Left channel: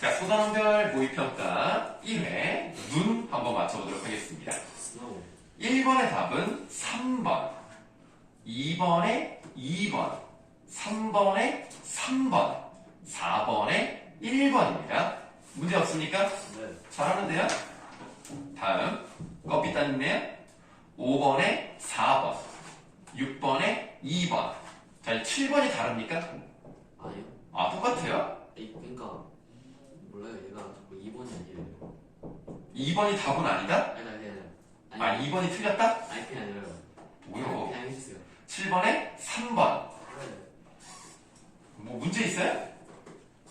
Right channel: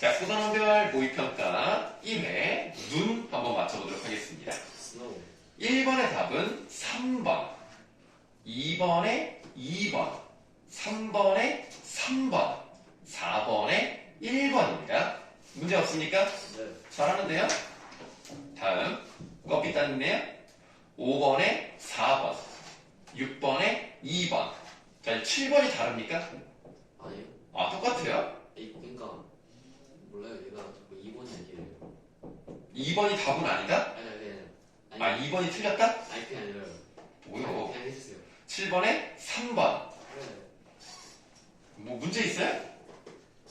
자, 소단원별 모의평가 1회 눈 한번 맞춰보도록 하겠습니다. 1번의 답은 3번, 2번에 2번, 3번에 3번, 4번에 1번입니다. 문제 없습니까? 네. 잘하는데요? 다음, 껍비 따님네요. 5번에 4번, 6번에 2번. 자, 7번이 다릅니까? 아니요. 아, 똑같아요? 그러니까 몰라요. 얘가 자꾸 2번이 아니에요. 2번이 답은 아니다? 아니. 2번이 틀렸다? 아니 그게 아니라요. 뭐요? 그냥 해주세요. 7번에 3번. 그래. 뭐 문제 있어요?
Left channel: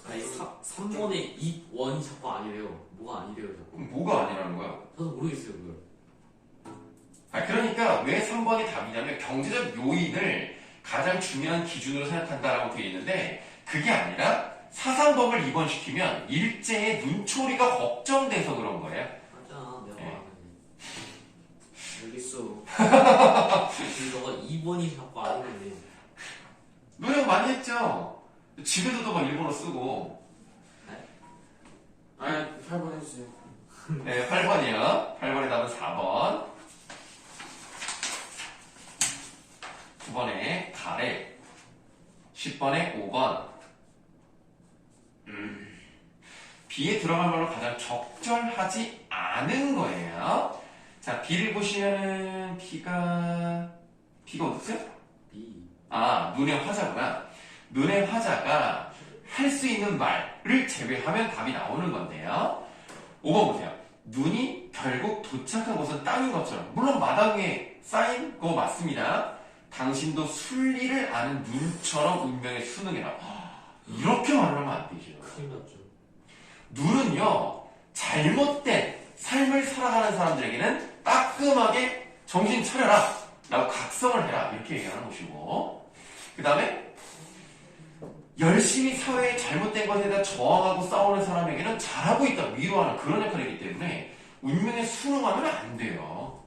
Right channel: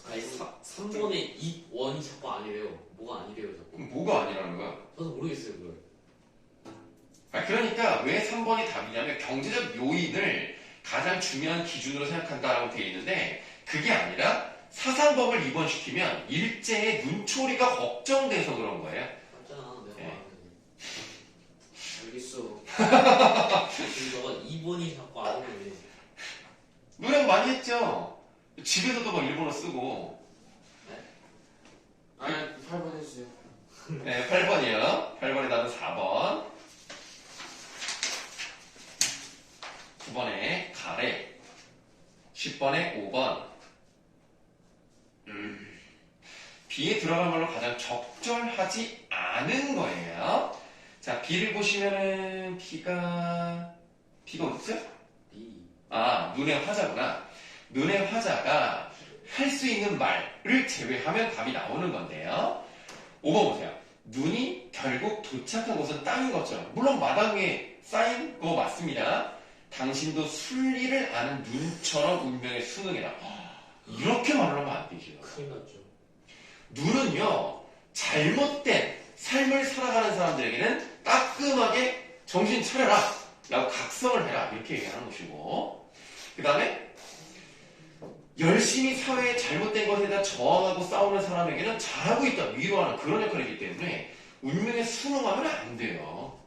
아니 3번에 2원이 자꾸 아니래요. 뭐가 아니래요 자꾸. 그럼 뭐가 아니라는 거야? 저도 모르겠어요 그걸. 그러니까 왜 3번이 답이냐면 경제적 요인을 가장 중요한 기준으로 생각한다라고 되어 있는데 그게 아니라 사상범을 입원시키면 일제의 눈초리가 걱정돼서 그런 거예요. 맞잖아 내가 네. 말하는데. 알겠어. 너가 2번이 자꾸 아니래. 노력 많이 했죠? 집에서도 막 일본어 쓰고. 아니 8번 해주세요. 네, 8번이요. 8번의 답은 4번. 9번에 가래. 10번에 5번. B에 들어갈 말로 가장 적절하지 않은 거예요. 자, B를 보시면은 B가 어딨어요? B. 아, 눈의 화자구나. 눈의 화자가 할 수 있는 말을 제외하면 답이 나오는 건데요. 5번 보세요. 눈이 결국 도착한 곳은 땅인 것처럼. 물론 마당 위에 쌓인 거 맞습니다. 당신도 순리를 아는 눈처럼 운명에 순응해라. 이렇게 말을 하면 안 되죠. 큰일 났죠. 눈은요, 잘못된 삶을 살아가는 사람들에게는 따끔하게 정신 차려라. 라고 각성을 해라. 이렇게 얘기하는 것이고. 그 다음에 열심히 사회의 잘못된 것에 대해 저항하고 싸우는 사람에게는 잘하고 있다. 위로하는 그런 역할이기 때문에 운명에 순응하면 안 돼요.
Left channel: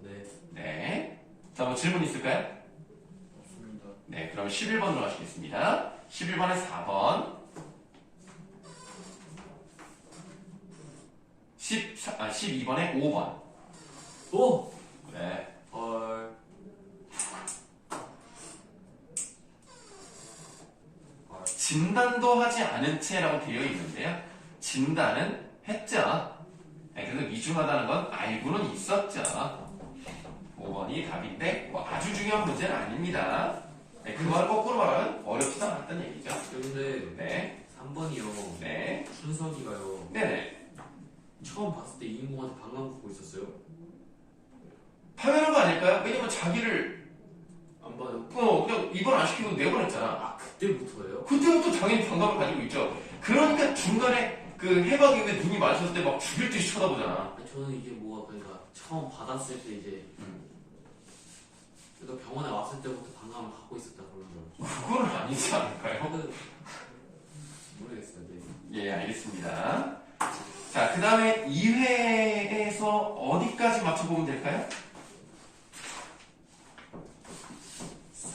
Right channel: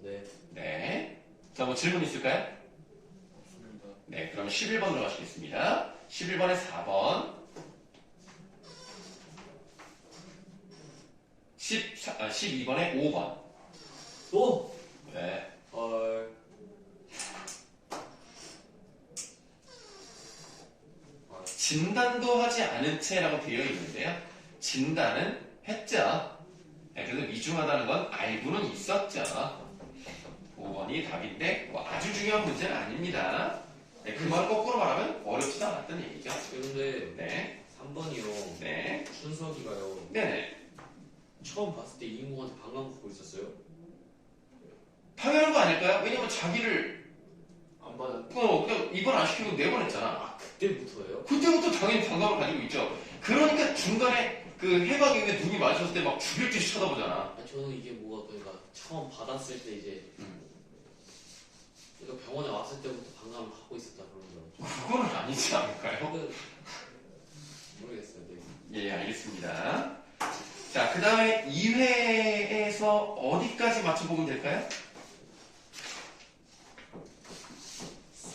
네. 네. 자, 뭐 질문 있을까요? 없습니다. 네, 그럼 11번으로 가시겠습니다. 11번에 4번. 12번에 5번. 오! 네. 헐. 진단도 하지 않은 채라고 되어 있는데요. 진단은 했죠. 네, 그래서 위중하다는 건 알고는 있었죠. 5번이 답인데 뭐 아주 중요한 문제는 아닙니다. 네, 그 말 거꾸로 말하면 어렵지도 않았던 얘기죠. 그런데 네, 3번이요. 네, 준석이가요. 네네. 처음 봤을 때 이인국한테 방광 걷고 있었어요? 당연한 거 아닐까요? 왜냐면 자기를 안 봐요. 그냥 입원 안 시키고 내보냈잖아. 아 그때부터예요? 그때부터 당연히 반감을 가지고 있죠. 그러니까 중간에 그 해방 이후에 눈이 마주쳤을 때 막 죽일 듯이 쳐다보잖아. 아니, 저는 이게 뭐가 그러니까 처음 받았을 때 이제 음. 그러니까 병원에 왔을 때부터 방광을 갖고 있었다 그러는 줄 알았죠. 그거는 아니지 않을까요? 저는 모르겠어요. 네. 예, 알겠습니다. 자, 그 다음에 2회에서 어디까지 맞춰보면 될까요?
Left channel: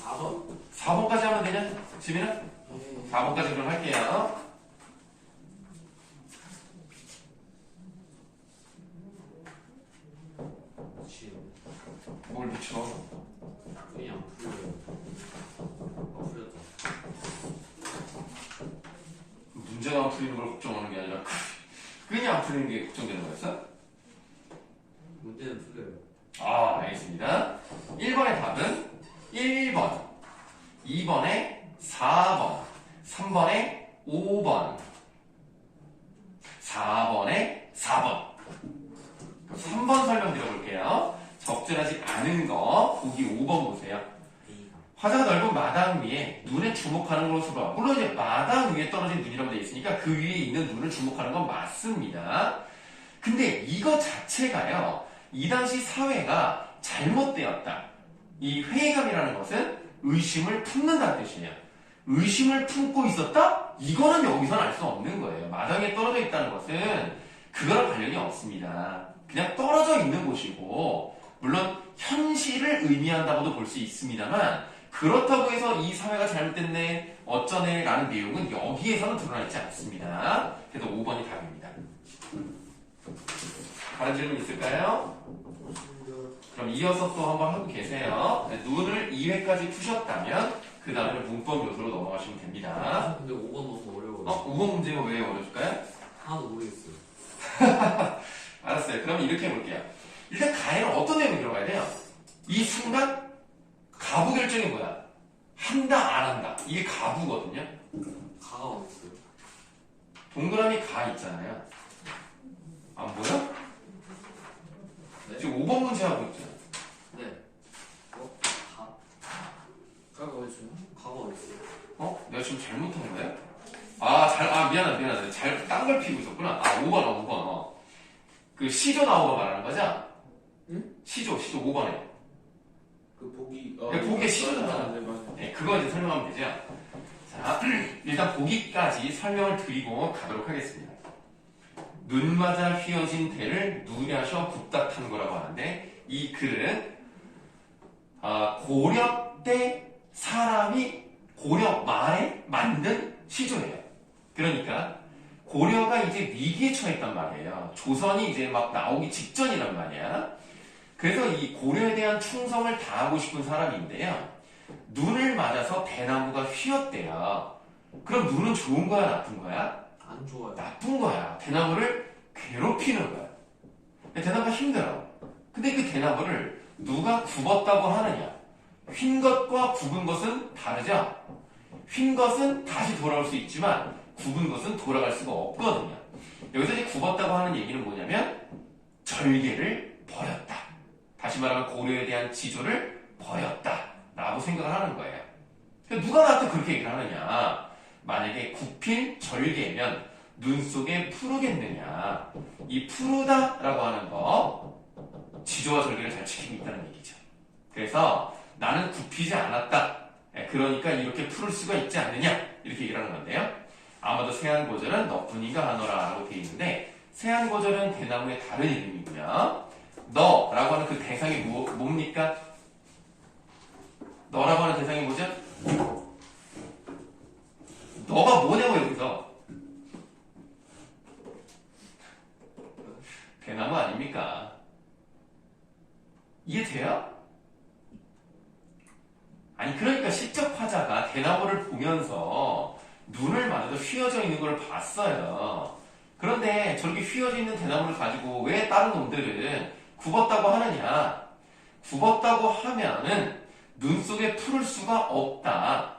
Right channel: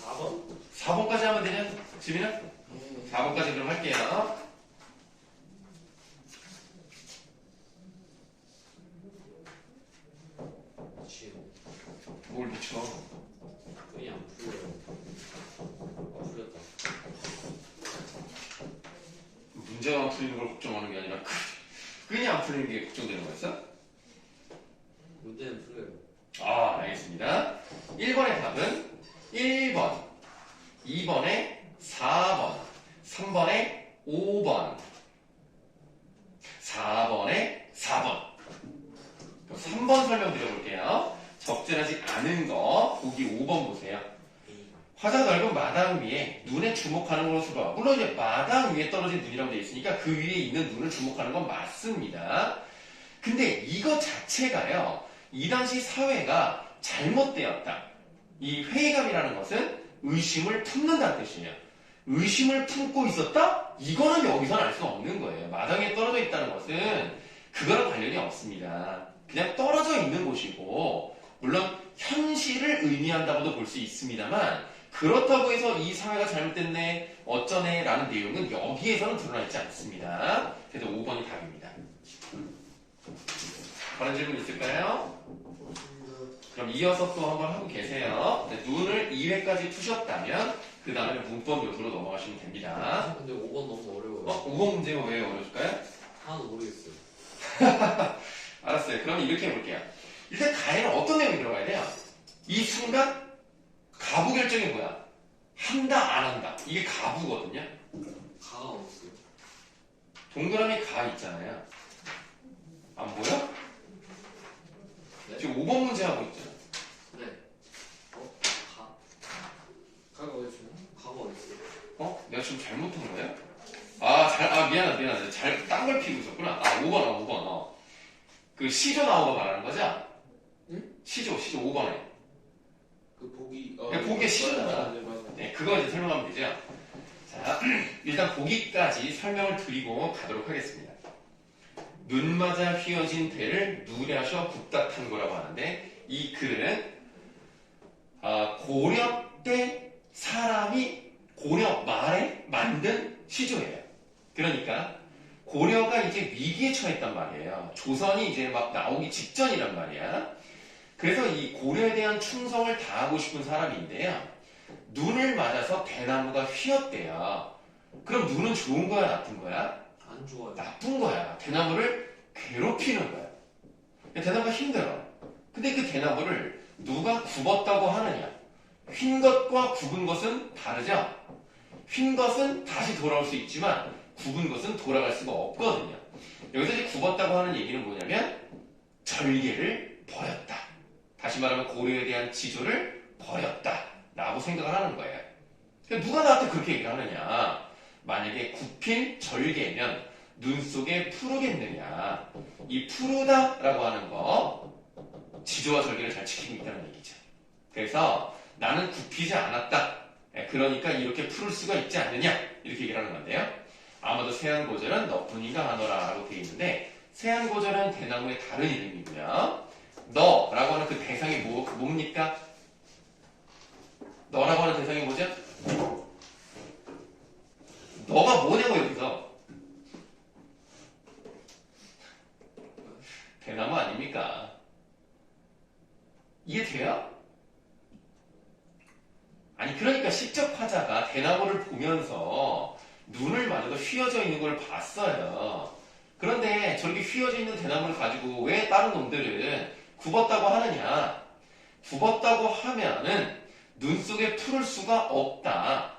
4번? 4번까지 하면 되냐? 지민아? 네. 4번까지 그럼 할게요. 그치. 뭘 붙여? 끈이 안 풀려요. 풀렸다. 문제가 안 풀리는 걸 걱정하는 게 아니라 끈이 안 풀리는 게 걱정되는 거였어? 문제는 풀려요. 아, 알겠습니다. 1번의 답은 1번, 2번에 4번, 3번에 5번, 4번에 4번. 3번 설명드려볼게요. 적절하지 않은 거 보기 5번 보세요. 화자가 넓은 마당 위에 눈에 주목하는 것으로 봐. 물론 이제 마당 위에 떨어진 눈이라고 되어 있으니까 그 위에 있는 눈을 주목하는 건 맞습니다. 근데 이거 자체가요. 이 당시 사회가 잘못되었다. 이 회의감이라는 것은 의심을 품는다는 뜻이에요. 의심을 품고 있었다? 이거는 여기서는 알 수 없는 거예요. 마당에 떨어져 있다는 것은 그거랑 관련이 없습니다. 그냥 떨어져 있는 곳이고 물론 현실을 의미한다고도 볼 수 있습니다만 그렇다고 해서 이 사회가 잘못됐네 어쩌네 라는 내용은 여기에서는 드러나 있지 않습니다. 그래서 5번이 답입니다. 다른 질문 있을까요? 그럼 이어서 또 한번 하고 계세요. 네, 눈을 2회까지 푸셨다면 그 다음에 문법 요소로 넘어가시면 됩니다. 아, 근데 5번 너무 어려워요. 5번 문제가 왜 어려울까요? 하나도 모르겠어요. 알았어요. 그럼 이렇게 해볼게요. 일단 가에는 어떤 내용이 들어가야 돼요? 이 순간 가부 결정이 뭐야? 한다 안 한다. 이게 가부거든요. 가가 어딨어요? 동그라미 가 있잖아요. 안 보여? 네? 지금 5번 문제 하고 있잖아. 네. 가? 가가 어딨어요? 가가 어딨어요? 내가 지금 잘못한 거예요? 미안하다. 딴 걸 피고 있었구나. 5번. 그 시조 나오는 거 말하는 거죠? 응? 시조 5번에. 그 보기 보기에 시조잖아. 네, 맞아요. 네, 그거 이제 설명하면 되죠. 자, 일단 보기까지 설명을 드리고 가도록 하겠습니다. 눈 맞아 휘어진 대를 누냐셔 굽다 탄 거라고 하는데, 이 글은 고려 때 사람이 고려 말에 만든 시조예요. 그러니까 고려가 이제 위기에 처했단 말이에요. 조선이 이제 막 나오기 직전이란 말이야. 그래서 이 고려에 대한 충성을 다하고 싶은 사람인데요. 눈을 맞아서 대나무가 휘었대요. 그럼 눈은 좋은 거야, 나쁜 거야? 안 좋아요. 나쁜 거야. 대나무를 괴롭히는 거야. 대나무가 힘들어. 근데 그 대나무를 누가 굽었다고 하느냐? 휜 것과 굽은 것은 다르죠? 휜 것은 다시 돌아올 수 있지만 굽은 것은 돌아갈 수가 없거든요. 여기서 이제 굽었다고 하는 얘기는 뭐냐면 절개를 버렸다. 다시 말하면 고려에 대한 지조를 버렸다 라고 생각을 하는 거예요. 누가 나한테 그렇게 얘기를 하느냐? 만약에 굽힌 절개면 눈 속에 푸르겠느냐? 이 푸르다라고 하는 거 지조와 절개를 잘 지키고 있다는 얘기죠. 그래서 나는 굽히지 않았다. 그러니까 이렇게 푸를 수가 있지 않느냐? 이렇게 얘기를 하는 건데요. 아마도 세안고절은 너뿐인가 하노라 라고 되어 있는데, 세안고절은 대나무의 다른 이름이고요. 너라고 하는 그 대상이 뭡니까? 너라고 하는 대상이 뭐죠? 너가 뭐냐고 여기서. 대나무 아닙니까? 이해돼요? 아니 그러니까 시적 화자가 대나무를 보면서 눈을 맞아서 휘어져 있는 걸 봤어요. 그런데 저렇게 휘어져 있는 대나무를 가지고 왜 다른 놈들은 굽었다고 하느냐? 굽었다고 하면은 눈 속에 풀을 수가 없다.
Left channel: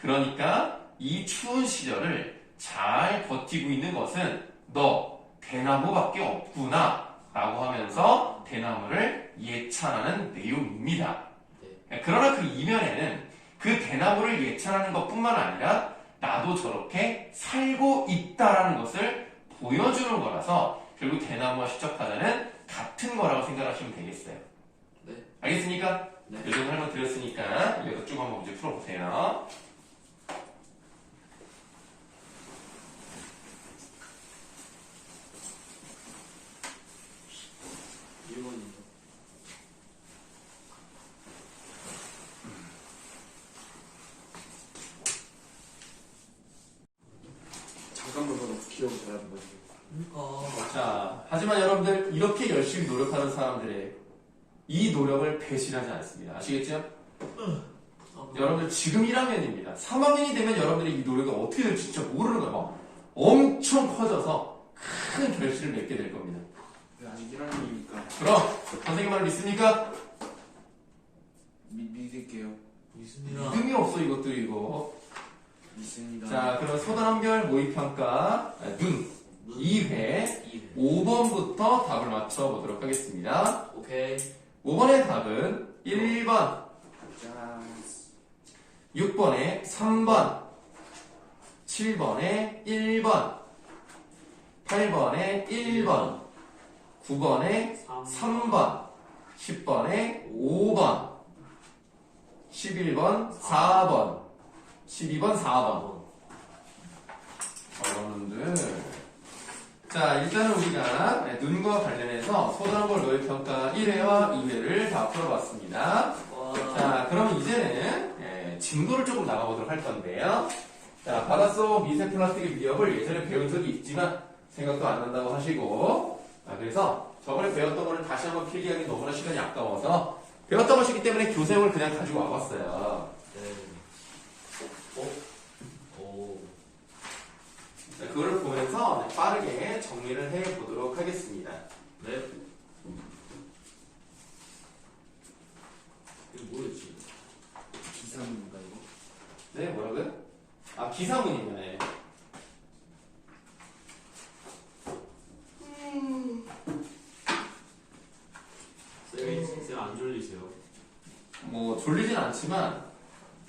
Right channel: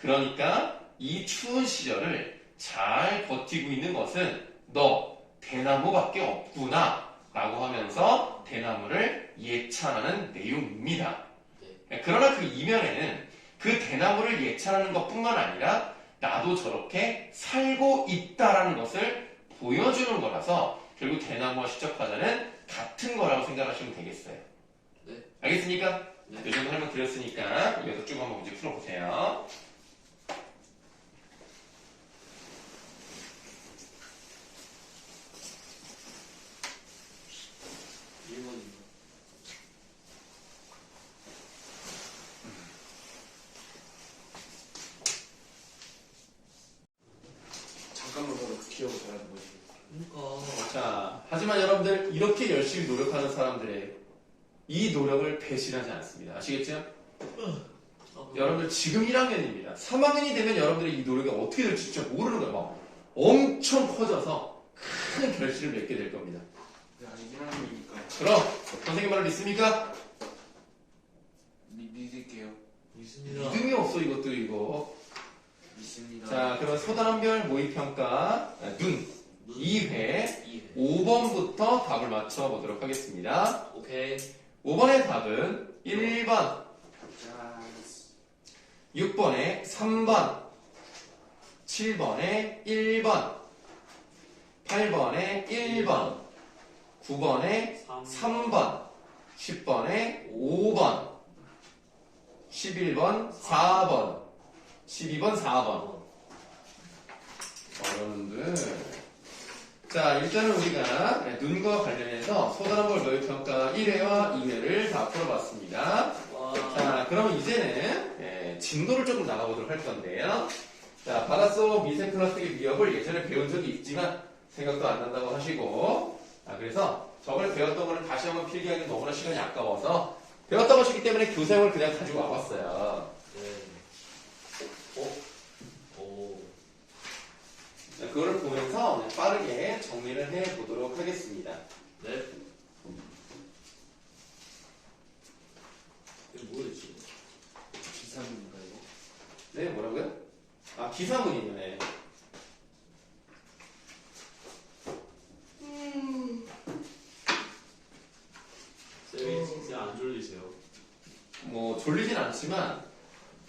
그러니까 이 추운 시절을 잘 버티고 있는 것은 너 대나무밖에 없구나 라고 하면서 대나무를 예찬하는 내용입니다. 그러나 그 이면에는 그 대나무를 예찬하는 것뿐만 아니라 나도 저렇게 살고 있다라는 것을 보여주는 거라서 결국 대나무와 시적화자는 같은 거라고 생각하시면 되겠어요. 네. 알겠습니까? 네. 이 정도 설명 드렸으니까 여기서 쭉 한번 문제 풀어보세요. 잠깐만 봐도 기억을 잘하는 거지. 그러니까 자, 하지만 여러분들 이렇게 열심히 노력하는 사람들의 이 노력을 배신하지 않습니다. 아시겠죠? 여러분들 지금 1학년입니다. 3학년이 되면 여러분들의 이 노력이 어떻게 될지 진짜 모르는 거예요. 막 엄청 커져서 큰 결실을 맺게 될 겁니다. 근데 아직 1학년이니까 그럼 선생님 말을 믿습니까? 믿을게요. 믿습니다. 믿음이 없어 이것도 이거. 믿습니다. 자, 그럼 소단원별 모의평가 눈 2회 2회. 5번부터 답을 맞춰보도록 하겠습니다. 오케이. 5번의 답은 1번, 짠. 6번에 3번, 7번에 1번, 8번에 1번, 9번에 3번, 10번에 5번, 11번 4번, 12번 4번. 여러분들, 자 일단은 우리가 눈과 관련해서 소단원벌 노력평가 1회와 2회를 다 풀어봤습니다. 와. 자 그럼 이제는 진도를 조금 나가보도록 할 건데요. 자, 바닷속 미세 플라스틱의 위협을 예전에 배운 적이 있지만 생각도 안 난다고 하시고, 그래서 저번에 배웠던 거를 다시 한번 필기하기 너무나 시간이 아까워서 배웠던 것이기 때문에 교재용을 그냥 가지고 와봤어요. 네. 오. 자, 그거를 보면서 빠르게 정리를 해보도록 하겠습니다. 네. 이거 뭐였지? 기사입니다 이거. 네, 뭐라고요? 기사문이요. 네. 쌤 안 졸리세요? 뭐 졸리진 않지만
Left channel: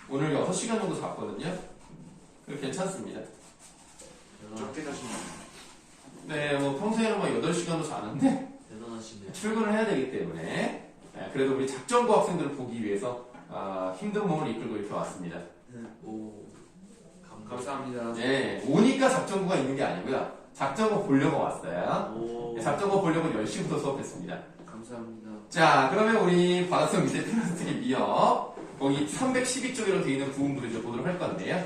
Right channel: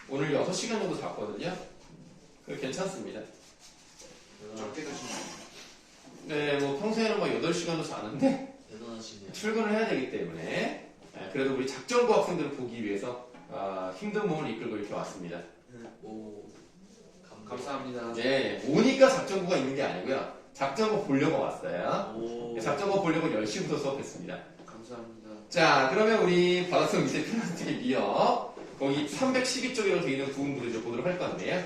오늘 6시간 정도 잤거든요. 그래서 괜찮습니다. 적게 자시나요? 네, 뭐 평소에는 뭐 8시간도 자는데 대단하시네요. 출근을 해야 되기 때문에 그래도 우리 작전고 학생들을 보기 위해서 힘든 몸을 이끌고 이렇게 왔습니다. 오. 감사합니다. 네, 오니까 작전고가 있는 게 아니고요. 작전고 보려고 왔어요. 오. 작전고 보려고 10시부터 수업했습니다. 감사합니다. 자, 그러면 우리 바닷속 미세 플라스틱의 위협 거기 312쪽으로 되어 있는 부분부터 이제 보도록 할 건데요.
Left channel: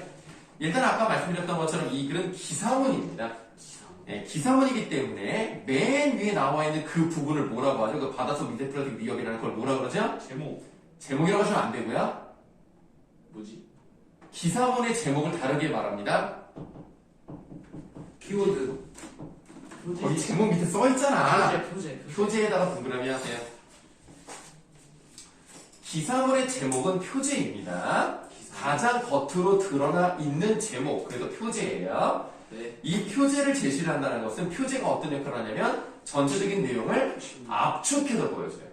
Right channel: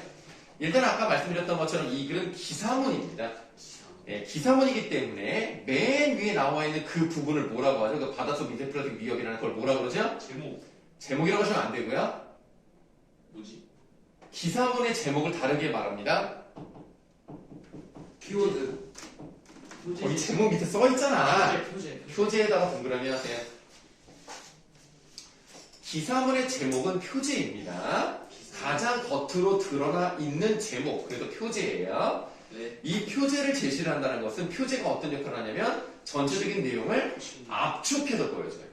일단 아까 말씀드렸던 것처럼 이 글은 기사문입니다. 기사문이기 때문에 맨 위에 나와 있는 그 부분을 뭐라고 하죠? 그 바닷속 미세 플라스틱 위협이라는 걸 뭐라 그러죠? 제목이라고 하시면 안 되고요. 뭐지? 기사문의 제목을 다르게 말합니다. 키워드. 거기 제목 밑에 써 있잖아. 표제. 표제에다가 동그라미 하세요. 기사문의 제목은 표제입니다. 가장 겉으로 드러나 있는 제목, 그래서 표제예요. 네. 이 표제를 제시를 한다는 것은 표제가 어떤 역할을 하냐면 전체적인 내용을 압축해서 보여줘요.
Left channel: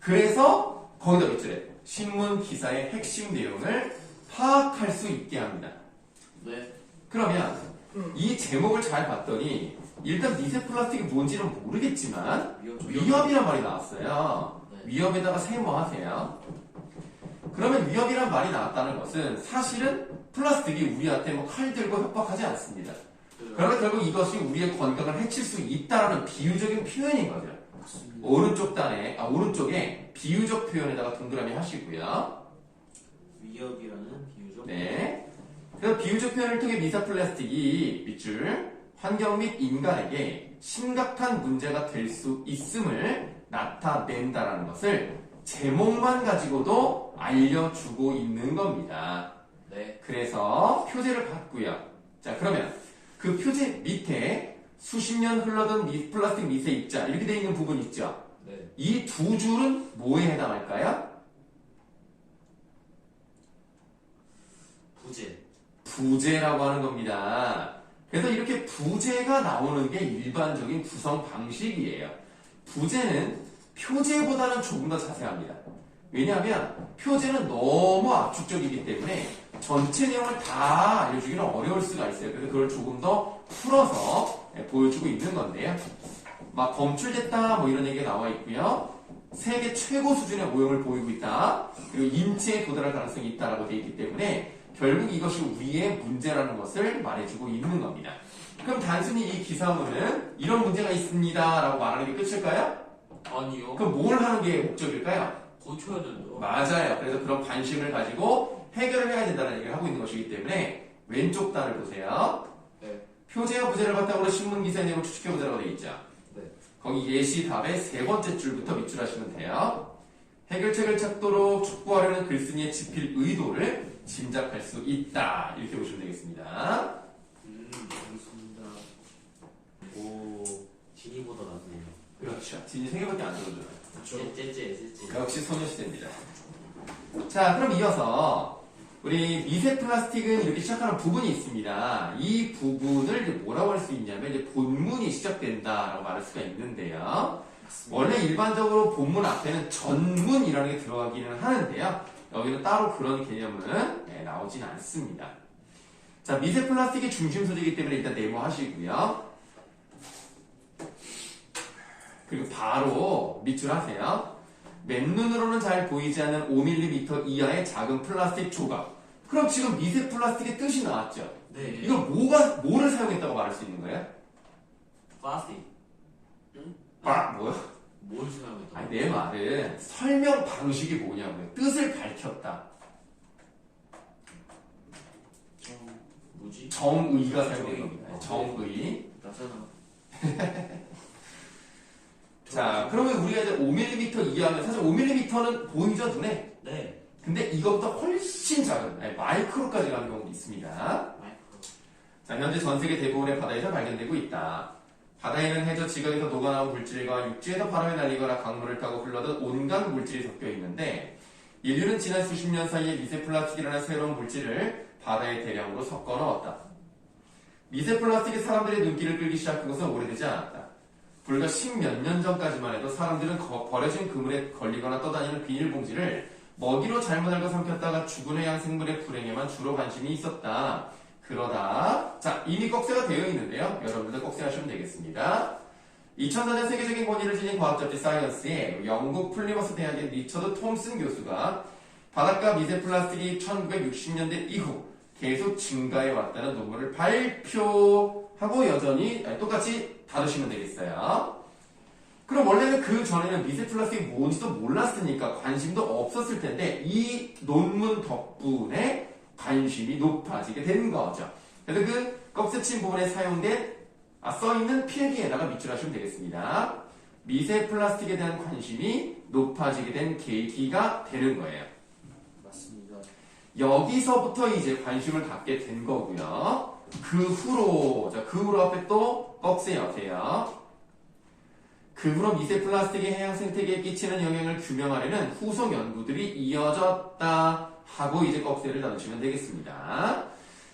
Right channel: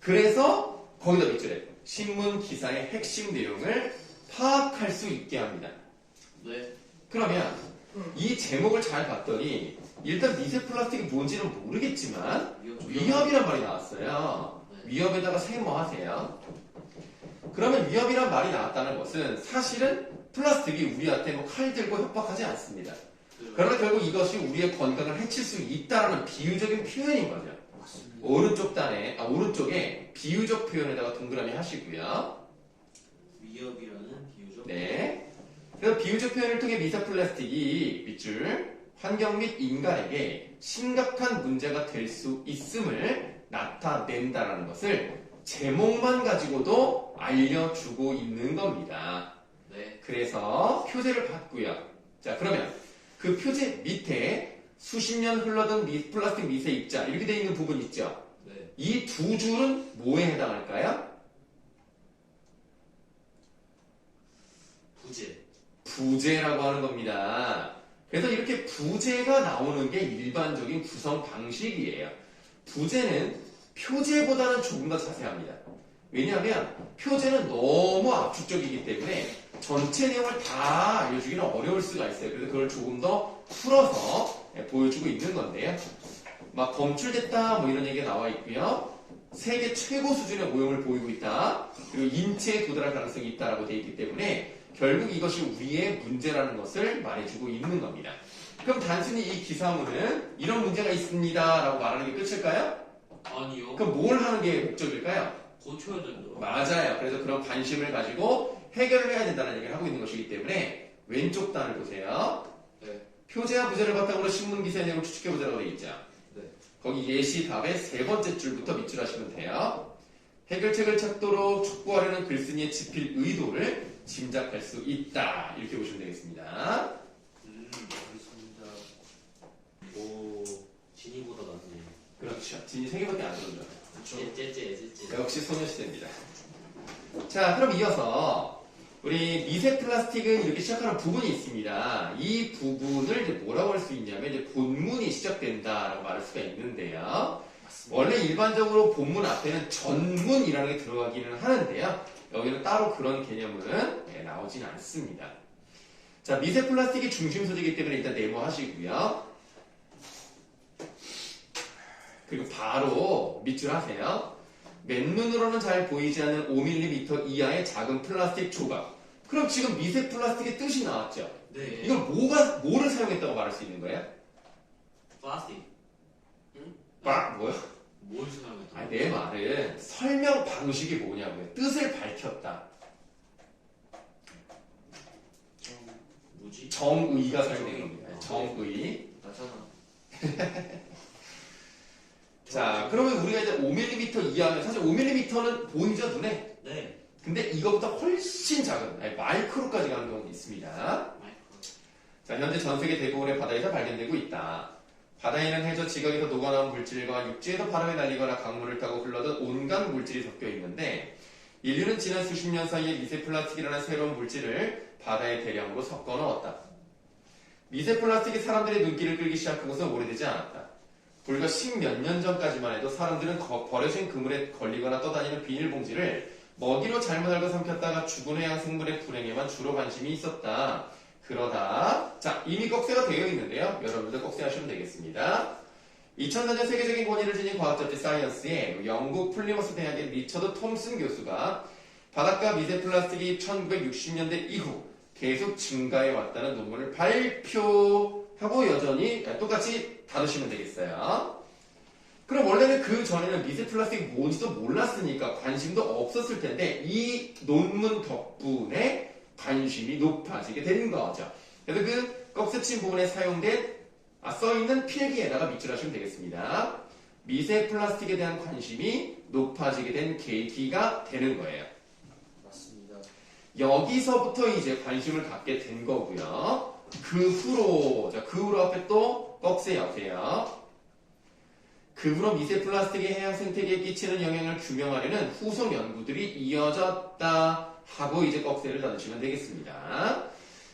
그래서 거기다 밑줄에 신문 기사의 핵심 내용을 파악할 수 있게 합니다. 네. 그러면 이 제목을 잘 봤더니 일단 미세 플라스틱이 뭔지는 모르겠지만 위협이란 말이 나왔어요. 위협에다가 세모하세요. 그러면 위협이란 말이 나왔다는 것은 사실은 플라스틱이 우리한테 뭐 칼 들고 협박하지 않습니다. 그러나 결국 이것이 우리의 건강을 해칠 수 있다는 비유적인 표현인 거죠. 오른쪽에 비유적 표현에다가 동그라미 하시고요. 위협이라는 비유적. 네. 그래서 비유적 표현을 통해 미세 플라스틱이 밑줄 환경 및 인간에게 심각한 문제가 될 수 있음을 나타낸다라는 것을 제목만 가지고도 알려주고 있는 겁니다. 네. 그래서 표제를 봤고요. 자, 그러면 그 표제 밑에 수십 년 흘러든 플라스틱 미세 입자 이렇게 되어 있는 부분 있죠? 네. 이 두 줄은 뭐에 해당할까요? 부재라고 하는 겁니다. 그래서 이렇게 부재가 나오는 게 일반적인 구성 방식이에요. 부재는 표제보다는 조금 더 자세합니다. 왜냐하면 표제는 너무 압축적이기 때문에 전체 내용을 다 알려주기는 어려울 수가 있어요. 그래서 그걸 조금 더 풀어서 보여주고 있는 건데요. 막 검출됐다 뭐 이런 얘기가 나와 있고요. 세계 최고 수준의 오염을 보이고 있다. 그리고 인체에 도달할 가능성이 있다라고 되어 있기 때문에 결국 이것이 우리의 문제라는 것을 말해주고 있는 겁니다. 그럼 단순히 이 기사문은 이런 문제가 있습니다 라고 말하는 게 끝일까요? 아니요. 그럼 뭘 하는 게 목적일까요? 고쳐야 된다. 맞아요. 그래서 그런 관심을 가지고 해결을 해야 된다는 얘기를 하고 있는 것이기 때문에 왼쪽 단을 보세요. 네. 표제와 부제를 바탕으로 신문 기사 내용을 추측해보자라고 되어 있죠. 네. 거기 예시 답의 세 번째 줄부터 밑줄하시면 돼요. 해결책을 찾도록 촉구하려는 글쓴이의 집필 의도를 짐작할 수 있다. 이렇게 보시면 되겠습니다. 알겠습니다. 오, 진이보다 낫네요. 그렇죠. 진이 3개밖에 안 들어줘요. 째째째째. 역시 소녀시대입니다. 자, 그럼 이어서 우리 미세 플라스틱은 이렇게 시작하는 부분이 있습니다. 이 부분을 이제 뭐라고 할 수 있냐면 이제 본문이 시작된다라고 말할 수가 있는데요. 원래 일반적으로 본문 앞에는 전문이라는 게 들어가기는 하는데요. 여기는 따로 그런 개념은 나오진 않습니다. 자, 미세 플라스틱이 중심 소재이기 때문에 일단 네모하시고요. 그리고 바로 밑줄 하세요. 맨눈으로는 잘 보이지 않는 5mm 이하의 작은 플라스틱 조각. 그럼 지금 미세 플라스틱의 뜻이 나왔죠? 네. 이걸 뭐를 사용했다고 말할 수 있는 거예요? 플라스틱. 뭐요? 뭘 사용했다? 아니, 내 말은 설명 방식이 뭐냐고요. 뜻을 밝혔다. 뭐지? 정의가 사용된 겁니다. 정의. 나잖아. 자, 그러면 우리가 이제 5mm 이하면 사실 5mm는 보이죠, 눈에? 네. 근데 이거보다 훨씬 작은 아니, 마이크로까지 가는 경우도 있습니다. 자, 현재 전 세계 대부분의 바다에서 발견되고 있다. 바다에는 해저 지각에서 녹아나온 물질과 육지에서 바람에 날리거나 강물을 타고 흘러든 온갖 물질이 섞여 있는데 인류는 지난 수십 년 사이에 미세 플라스틱이라는 새로운 물질을 바다에 대량으로 섞어 넣었다. 미세 플라스틱이 사람들의 눈길을 끌기 시작한 것은 오래되지 않았다. 불과 10몇 년 전까지만 해도 사람들은 버려진 그물에 걸리거나 떠다니는 비닐봉지를 먹이로 잘못 알고 삼켰다가 죽은 해양 생물의 불행에만 주로 관심이 있었다. 그러다 자 이미 꺽쇠가 되어 있는데요. 여러분들도 꺽쇠 하시면 되겠습니다. 2004년 세계적인 권위를 지닌 과학잡지 사이언스에 영국 플리머스 대학의 리처드 톰슨 교수가 바닷가 미세 플라스틱이 1960년대 이후 계속 증가해 왔다는 논문을 발표하고 여전히 똑같이 다루시면 되겠어요. 그럼 원래는 그 전에는 미세 플라스틱이 뭔지도 몰랐으니까 관심도 없었을 텐데 이 논문 덕분에 관심이 높아지게 된 거죠. 그래서 그 꺽쇠친 부분에 사용된 써있는 필기에다가 밑줄하시면 되겠습니다. 미세 플라스틱에 대한 관심이 높아지게 된 계기가 되는 거예요. 맞습니다. 여기서부터 이제 관심을 갖게 된 거고요. 그 후로 앞에 또 꺽쇠 옆에요. 그 후로 미세 플라스틱이 해양 생태계에 끼치는 영향을 규명하려는 후속 연구들이 이어졌다 하고 이제 꺽쇠를 나누시면 되겠습니다.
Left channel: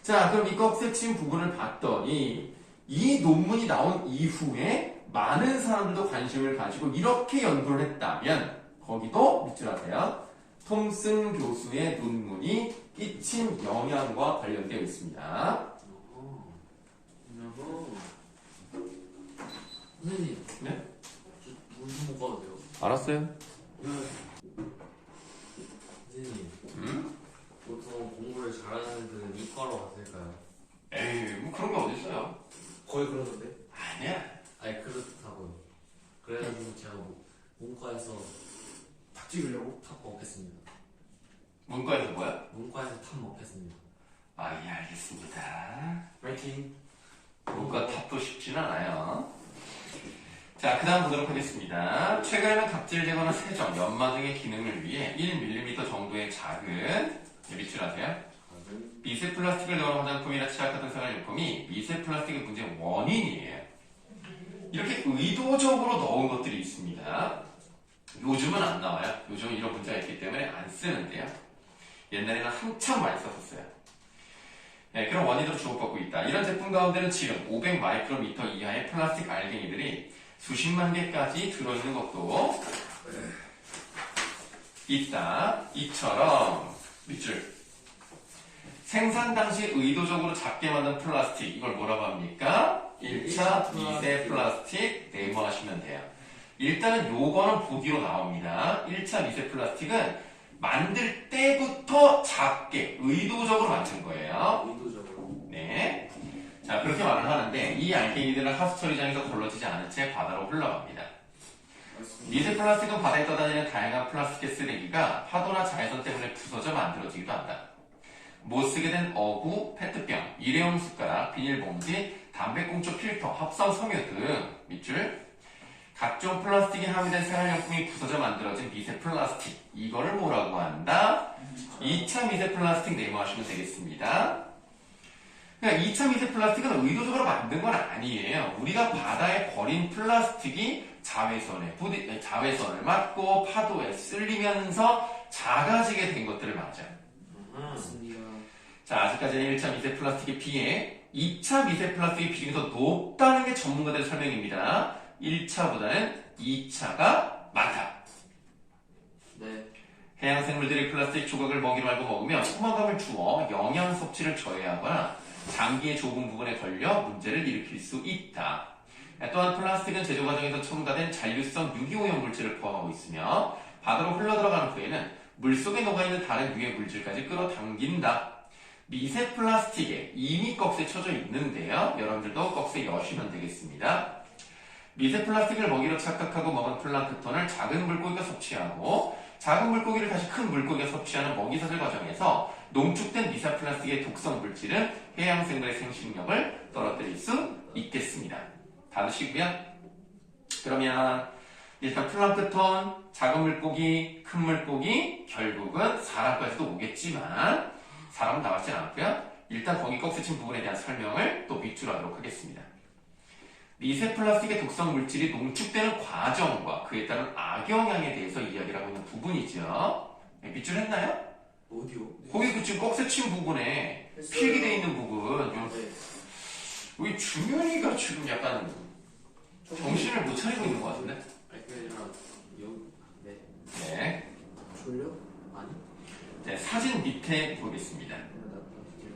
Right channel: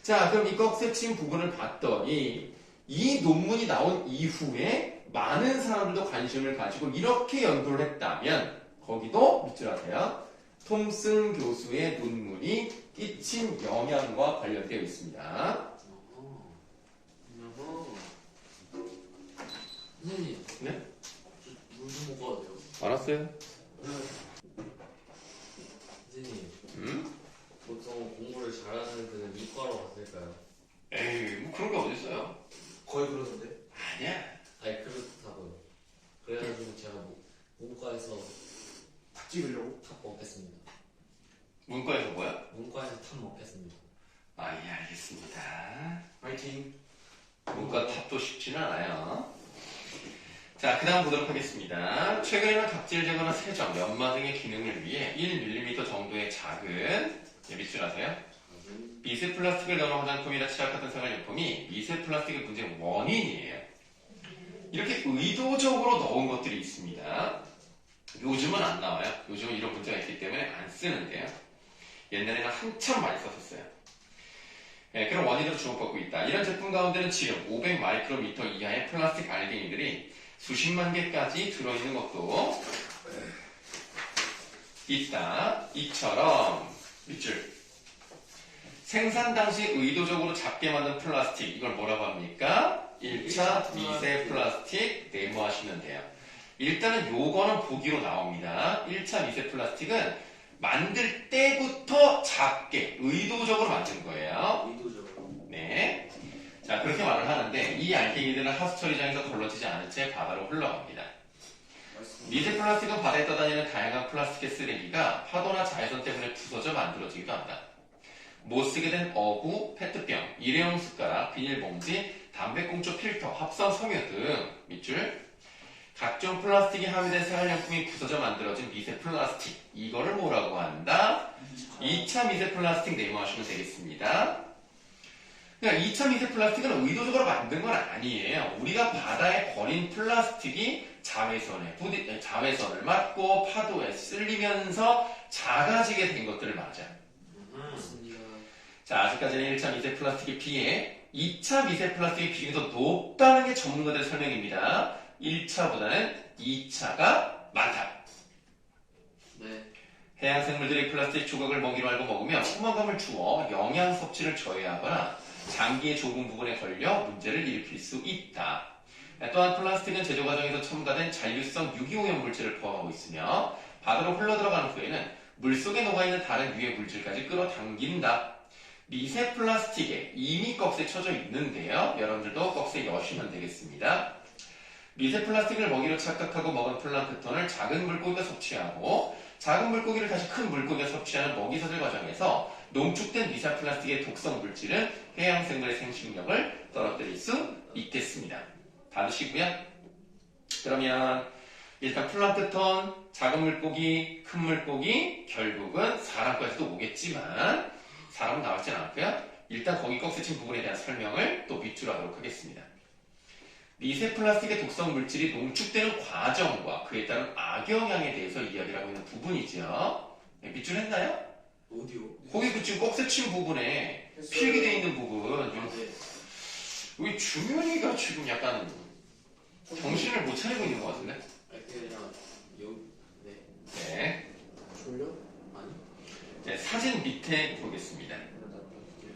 자, 그럼 이 꺽쇠친 부분을 봤더니 이 논문이 나온 이후에 많은 사람들도 관심을 가지고 이렇게 연구를 했다면 거기도 밑줄하세요. 톰슨 교수의 논문이 끼친 영향과 관련되어 있습니다. 선생님. 네? 물좀 먹어도 돼요? 알았어요. 선생님. 보통 공부를 잘하는 애들은 이과로 갔을까요? 에이, 뭐 그런 게 어딨어요. 거의 그러던데. 아니야. 아니 그렇다고요. 그래가지고 제가 문과에서 탁 찍으려고? 탑 먹겠습니다. 문과에서 뭐야? 문과에서 탑 먹겠습니다. 아, 예, 알겠습니다. 파이팅. 문과 탑도 쉽지는 않아요. 자, 그 다음 보도록 하겠습니다. 최근에는 각질 제거나 세정, 연마 등의 기능을 위해 1mm 정도의 작은 밑줄 아세요? 미세 플라스틱을 넣은 화장품이나 치약 같은 생활용품이 미세 플라스틱의 문제의 원인이에요. 이렇게 의도적으로 넣은 것들이 있습니다. 요즘은 안 나와요. 요즘은 이런 문제가 있기 때문에 안 쓰는데요. 옛날에는 한참 많이 썼었어요. 네, 그런 원인으로 주목받고 있다. 이런 제품 가운데는 지름 500 마이크로미터 이하의 플라스틱 알갱이들이 수십만 개까지 들어있는 것도 있다. 이처럼 밑줄. 생산 당시 의도적으로 작게 만든 플라스틱, 이걸 뭐라고 합니까? 1차 미세 플라스틱 네모하시면 돼요. 일단은 요거는 보기로 나옵니다. 1차 미세 플라스틱은 만들 때부터 작게 의도적으로 만든 거예요. 의도적으로. 네. 자, 그렇게 말을 하는데 이 알갱이들은 하수 처리장에서 걸러지지 않은 채 바다로 흘러갑니다. 맞습니다. 미세 플라스틱은 바다에 떠다니는 다양한 플라스틱의 쓰레기가 파도나 자외선 때문에 부서져 만들어지기도 한다. 못 쓰게 된 어부, 페트병, 일회용 숟가락, 비닐봉지, 담배꽁초 필터, 합성 섬유 등 밑줄 각종 플라스틱이 함유된 생활용품이 부서져 만들어진 미세 플라스틱, 이거를 뭐라고 한다? 2차 미세 플라스틱 네모하시면 되겠습니다. 그러니까 2차 미세 플라스틱은 의도적으로 만든 건 아니에요. 우리가 바다에 버린 플라스틱이 자외선을 맞고 파도에 쓸리면서 작아지게 된 것들을 맞아요. 맞습니다. 자, 아직까지는 1차 미세 플라스틱에 비해 2차 미세 플라스틱의 비중이 더 높다는 게 전문가들의 설명입니다. 1차보다는 2차가 많다. 네. 해양 생물들이 플라스틱 조각을 먹이로 알고 먹으면 포만감을 주어 영양 섭취를 저해하거나 장기의 좁은 부분에 걸려 문제를 일으킬 수 있다. 또한 플라스틱은 제조 과정에서 첨가된 잔류성 유기오염 물질을 포함하고 있으며 바다로 흘러들어간 후에는 물속에 녹아있는 다른 유해 물질까지 끌어당긴다. 미세 플라스틱에 이미 꺽쇠 쳐져 있는데요. 여러분들도 꺽쇠 여시면 되겠습니다. 미세 플라스틱을 먹이로 착각하고 먹은 플랑크톤을 작은 물고기가 섭취하고 작은 물고기를 다시 큰 물고기가 섭취하는 먹이사슬 과정에서 농축된 미세 플라스틱의 독성 물질은 해양 생물의 생식력을 떨어뜨릴 수 있겠습니다. 다 아시고요. 그러면 일단 플랑크톤, 작은 물고기, 큰 물고기, 결국은 사람까지도 오겠지만 사람은 나왔진 않고요. 일단 거기 꺽쇠친 부분에 대한 설명을 또 밑으로 하도록 하겠습니다. 미세 플라스틱의 독성 물질이 농축되는 과정과 그에 따른 악영향에 대해서 이야기를 하고 있는 부분이죠. 네, 밑줄 했나요? 어디요? 거기 그 지금 꺽쇠친 부분에 필기되어 있는 부분, 아, 네. 우리 준현이가 지금 약간 정신을 못 차리고 있는 것 같은데? 아니 그게 아니라 여기 네. 네. 졸려? 아니. 네, 사진 밑에 보겠습니다. 나 이제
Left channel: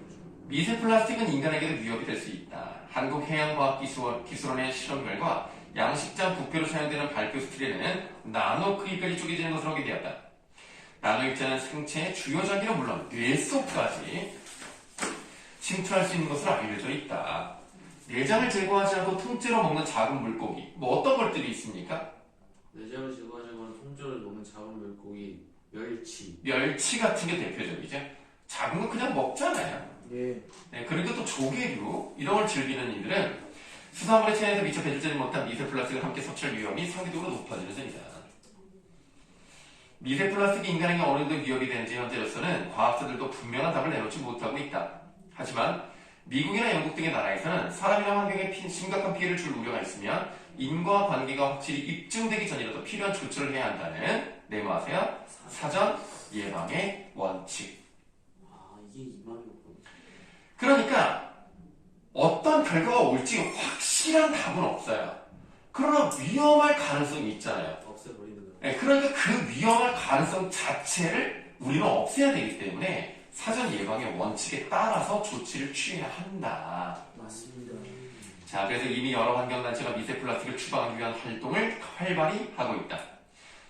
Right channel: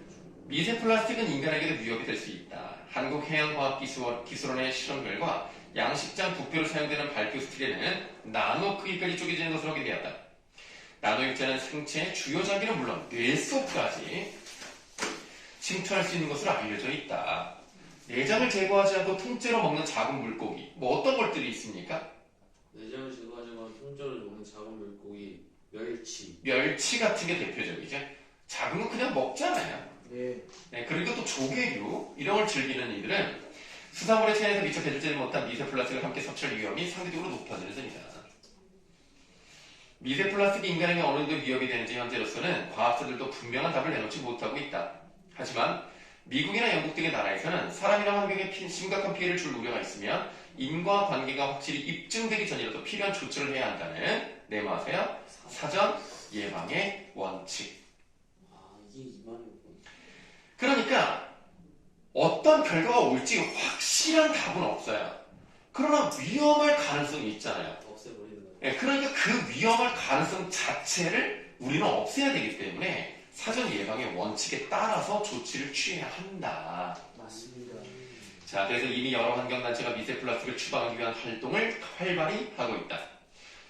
미세 플라스틱은 인간에게도 위협이 될 수 있다. 한국해양과학기술원의 실험 결과 양식장 부표로 사용되는 발표 스틸에는 나노 크기까지 쪼개지는 것으로 확인되었다. 나노 입자는 생체의 주요 장기는 물론 뇌 속까지 침투할 수 있는 것으로 알려져 있다. 내장을 제거하지 않고 통째로 먹는 작은 물고기, 뭐 어떤 것들이 있습니까? 내장을 제거하지만 통째로 먹는 작은 물고기, 멸치. 멸치 같은 게 대표적이죠. 작은 거 그냥 먹잖아요. 예. 네, 그리고 또 조개류 이런 걸 즐기는 이들은 수산물의 체내에서 미처 배출되지 못한 미세 플라스틱을 함께 섭취할 위험이 상대적으로 높아지는 셈이다. 미세 플라스틱이 인간에게 어느 정도 위협이 되는지 현재로서는 과학자들도 분명한 답을 내놓지 못하고 있다. 하지만 미국이나 영국 등의 나라에서는 사람이나 환경에 심각한 피해를 줄 우려가 있으면 인과관계가 확실히 입증되기 전이라도 필요한 조치를 해야 한다는 네모하세요. 사전 예방의 원칙. 아 이게 이만이었구나. 그러니까 어떤 결과가 올지 확실한 답은 없어요. 그러나 위험할 가능성이 있잖아요. 없애버리는 거예요. 네, 그러니까 그 위험할 가능성 자체를 우리는 없애야 되기 때문에 사전 예방의 원칙에 따라서 조치를 취해야 한다. 맞습니다. 자, 그래서 이미 여러 환경단체가 미세 플라스틱을 추방하기 위한 활동을 활발히 하고 있다.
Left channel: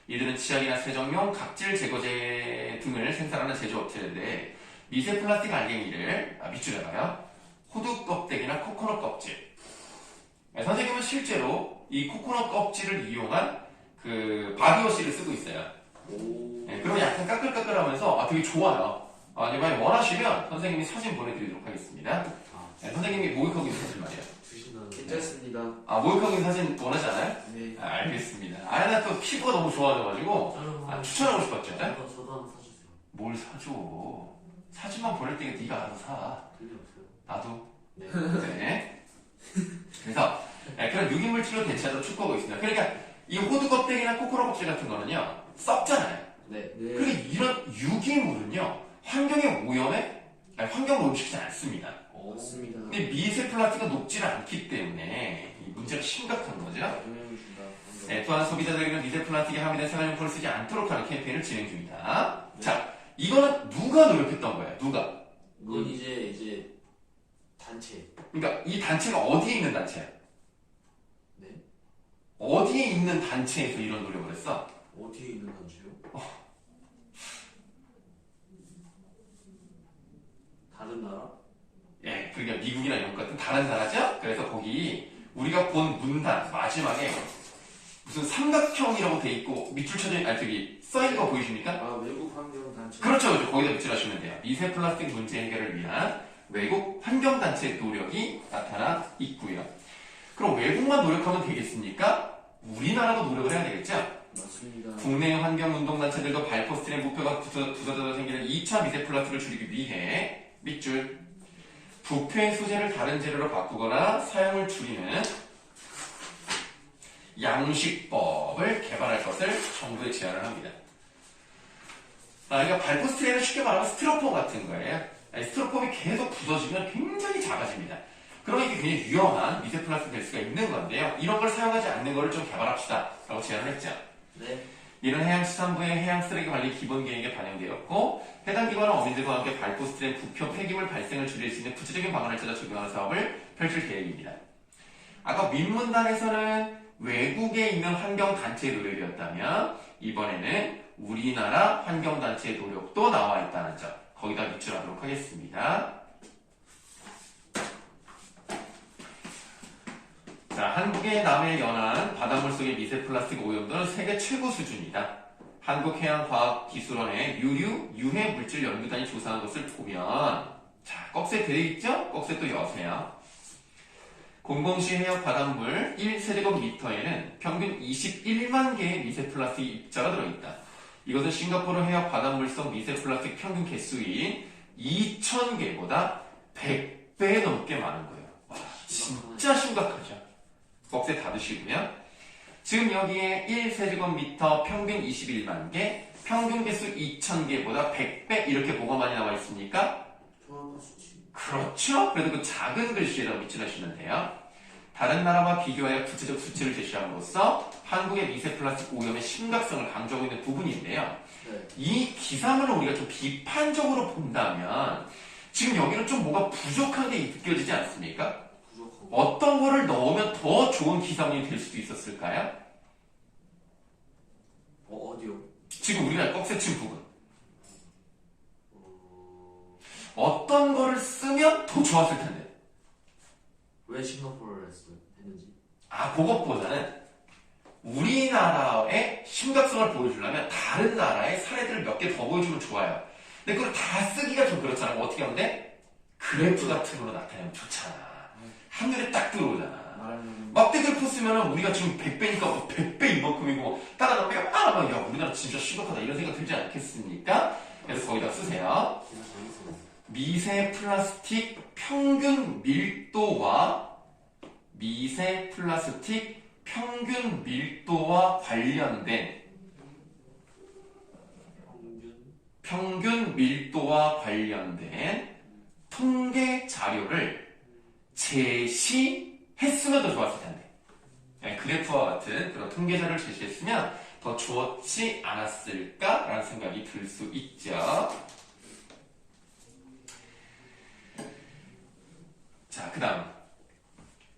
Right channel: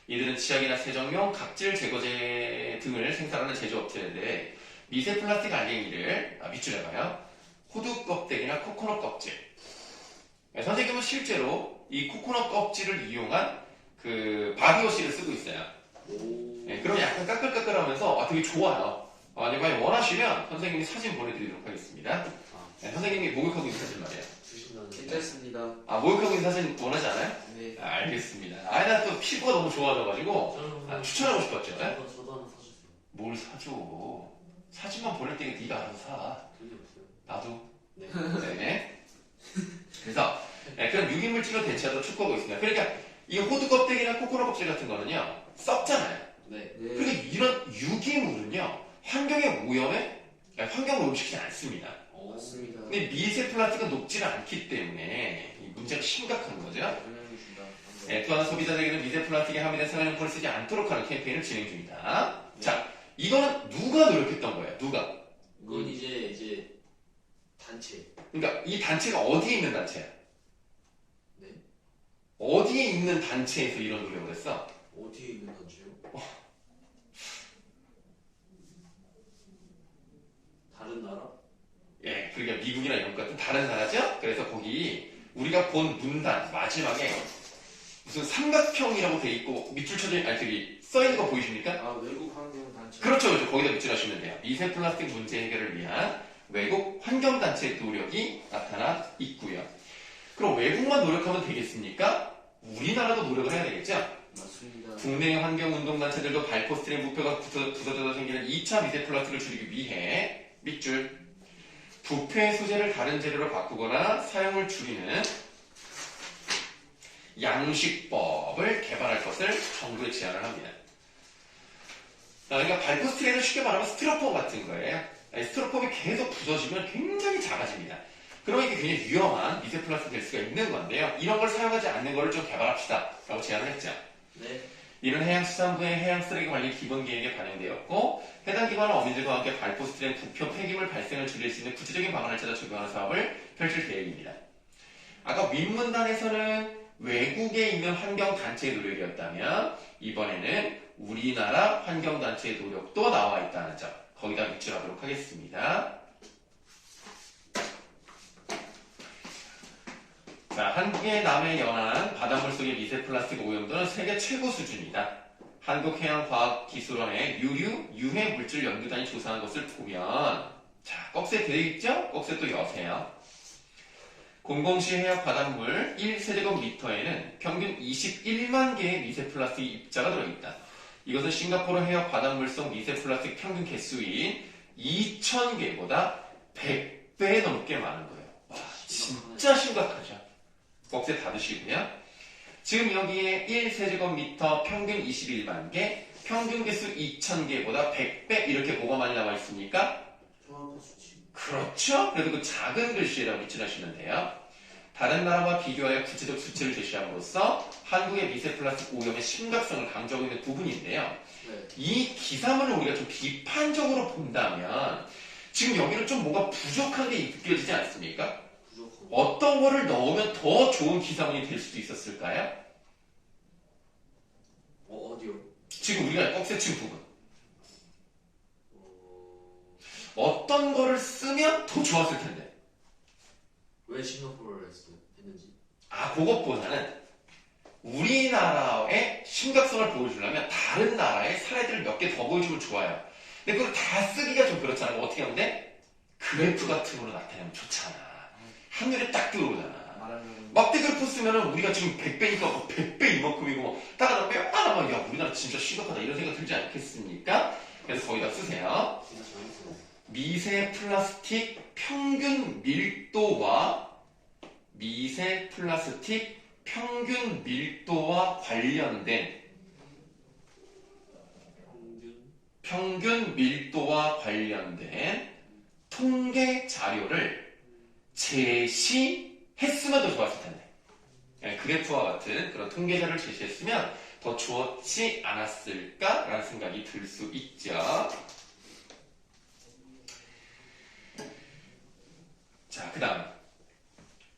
이들은 치약이나 세정용, 각질 제거제 등을 생산하는 제조업체인데 미세 플라스틱 알갱이를 밑줄에 봐요. 호두 껍데기나 코코넛 껍질. 네, 선생님은 실제로 이 코코넛 껍질을 이용한 그 바디워시를 쓰고 있어요. 오. 네, 그럼 약간 까끌까끌하면서 되게 좋아요. 만약 원하시면 선생님이 사진 보내드리도록 하겠습니다. 아 네, 선생님이 목욕하고 있는 사진 말이에요. 주신다는. 괜찮습니다. 목욕하고 있는 사진 원하지 않아요? 네. 알겠습니다. 나 또 피부가 너무 좋아져가지고 추천하고 싶었죠. 저도 하나 사주세요. 뭘 사줘? 사진만 보낼 때는 네가 알아서 사. 돈이 없어요. 나도. 네. 네. 그래서 그런 유기물질로 대체하도록 촉구하고 있습니다. 그러니까 이 호두 껍데기나 코코넛 껍질 같은 거는요 썩잖아요. 네. 네. 그러니까 이런 유기물은요 환경의 오염에 환경을 오염시키지 않습니다. 오. 맞습니다. 근데 미세 플라스틱은 녹지는 않기 때문에 이 문제가 심각한 거죠. 영향을 준다. 또한 소비자들에게는 미세 플라스틱에 함유된 생활용품을 쓰지 않도록 하는 캠페인을 진행 중이다. 자, 이거는 누가 노력했던 거예요? 누가? 이건 이제 단체. 그러니까 이 단체가 어디에 있는 단체야? 네. 어디에 있는 단체에서 이런 노력을 했어? 어디에 있는 단체요? 다른 나라? 예, 그러니까 미국이나 영국 같은 다른 나라죠? 그래서 거기 우리가 본 문단 마지막에 무슨 삼각형이라고 돼 있고 밑줄 쳐져 저기 써 있는 거 보이십니까? 아 외국 환경 단체. 그렇죠, 그렇죠. 거기다 밑줄하시면 돼요. 미세 플라스틱 문제 해결을 위한 외국 환경단체의 노력이 나타나 있고요. 그럼 외국만 노력하면 되겠습니까? 우리나라도 노력을 해야 되겠죠? 맞습니다. 국내 환경운동단체들도 발포스트린 부표가 부서져서 생기는 2차 미세 플라스틱을 줄이기 위해 밑줄 부표의 소재를 다른 재료로 바꾸거나 사용을 줄이는 양식법을 개발할 것을 정부에 제안을 합니다. 그러니까 발포스트린은 쉽게 말하면 스티로폼 같은 거예요. 스티로폼이 계속 부서지면 굉장히 작아집니다. 그러면 이게 굉장히 위험한 미세 플라스틱이 될 수가 있는 건데요. 이런 걸 사용하지 않는 거를 좀 개발합시다 라고 제안을 했죠. 네. 이는 해양수산부의 해양쓰레기관리 기본계획에 반영되었고 해당 기관은 어민들과 함께 발포스트린 부표 폐기물 발생을 줄일 수 있는 구체적인 방안을 찾아 적용하는 사업을 펼칠 계획입니다. 아까 민문단에서는 외국에 있는 환경단체의 노력이었다면 이번에는 우리나라 환경단체의 노력도 나와 있다는 점 거기다 밑줄하도록 하겠습니다. 자, 한국의 남해 연안 바닷물 속의 미세 플라스틱 오염도는 세계 최고 수준이다. 한국해양과학기술원의 유해물질 연구단이 조사한 것을 보면 자, 꺽쇠 되어 있죠? 꺽쇠 또 여세요. 공공시 해역 바닷물 1세제곱미터에는 평균 21만 개의 미세 플라스틱 입자가 들어있다. 이것은 싱가포르 해역 바닷물성 미세 플라스틱 평균 개수인 2,000개보다 100배 넘게 많은 거예요. 와, 진짜 심각하죠. 꺽쇠 닫으시고요. 지금 여기에 1세제곱미터 평균 21만 개, 평균 개수 2,000개보다 100배 이렇게 뭐가 많이 나와 있습니까? 정확한 수치. 그렇죠? 그래도 그 작은 글씨에다 밑줄하시면 돼요. 다른 나라와 비교하여 구체적 수치를 제시함으로써 한국의 미세 플라스틱 오염의 심각성을 강조하고 있는 부분인데요. 네. 이 기사문을 우리가 좀 비판적으로 본다면 지금 여기는 좀 뭔가 부족한 게 느껴지지 않습니까? 부족하고. 어떤 거를 넣으면 더 좋은 기사문이 될 수도 있었을까요? 어디요? 지금 우리가 꺽쇠 친 부분. 어... 어떤 거를 쓰면 더 좋았을 텐데. 왜 싱가포르를 했는지? 아, 그것보다는 우리나라의 심각성을 보여주려면 다른 나라의 사례들을 몇 개 더 보여주면 좋아요. 근데 그걸 다 쓰기가 좀 그렇잖아. 어떻게 하면 돼? 그래프 같은 걸로 나타내면 좋잖아. 한눈에 딱 들어오잖아. 말하면 막대그래프 쓰면은 우리가 지금 100배니까 100배 이만큼이고 따라가면 야 우리나라 진짜 심각하다 이런 생각 들지 않겠습니까? 그래서 거기다 쓰세요. 진짜 재밌어요. 미세 플라스틱 평균 밀도와 관련된 평균 밀도와 관련된 통계 자료를 제시했으면 더 좋았을 텐데. 네, 그래프와 같은 그런 통계 자료를 제시했으면 더 좋지 않았을까라는 생각이 들 수 있죠. 자, 그 다음.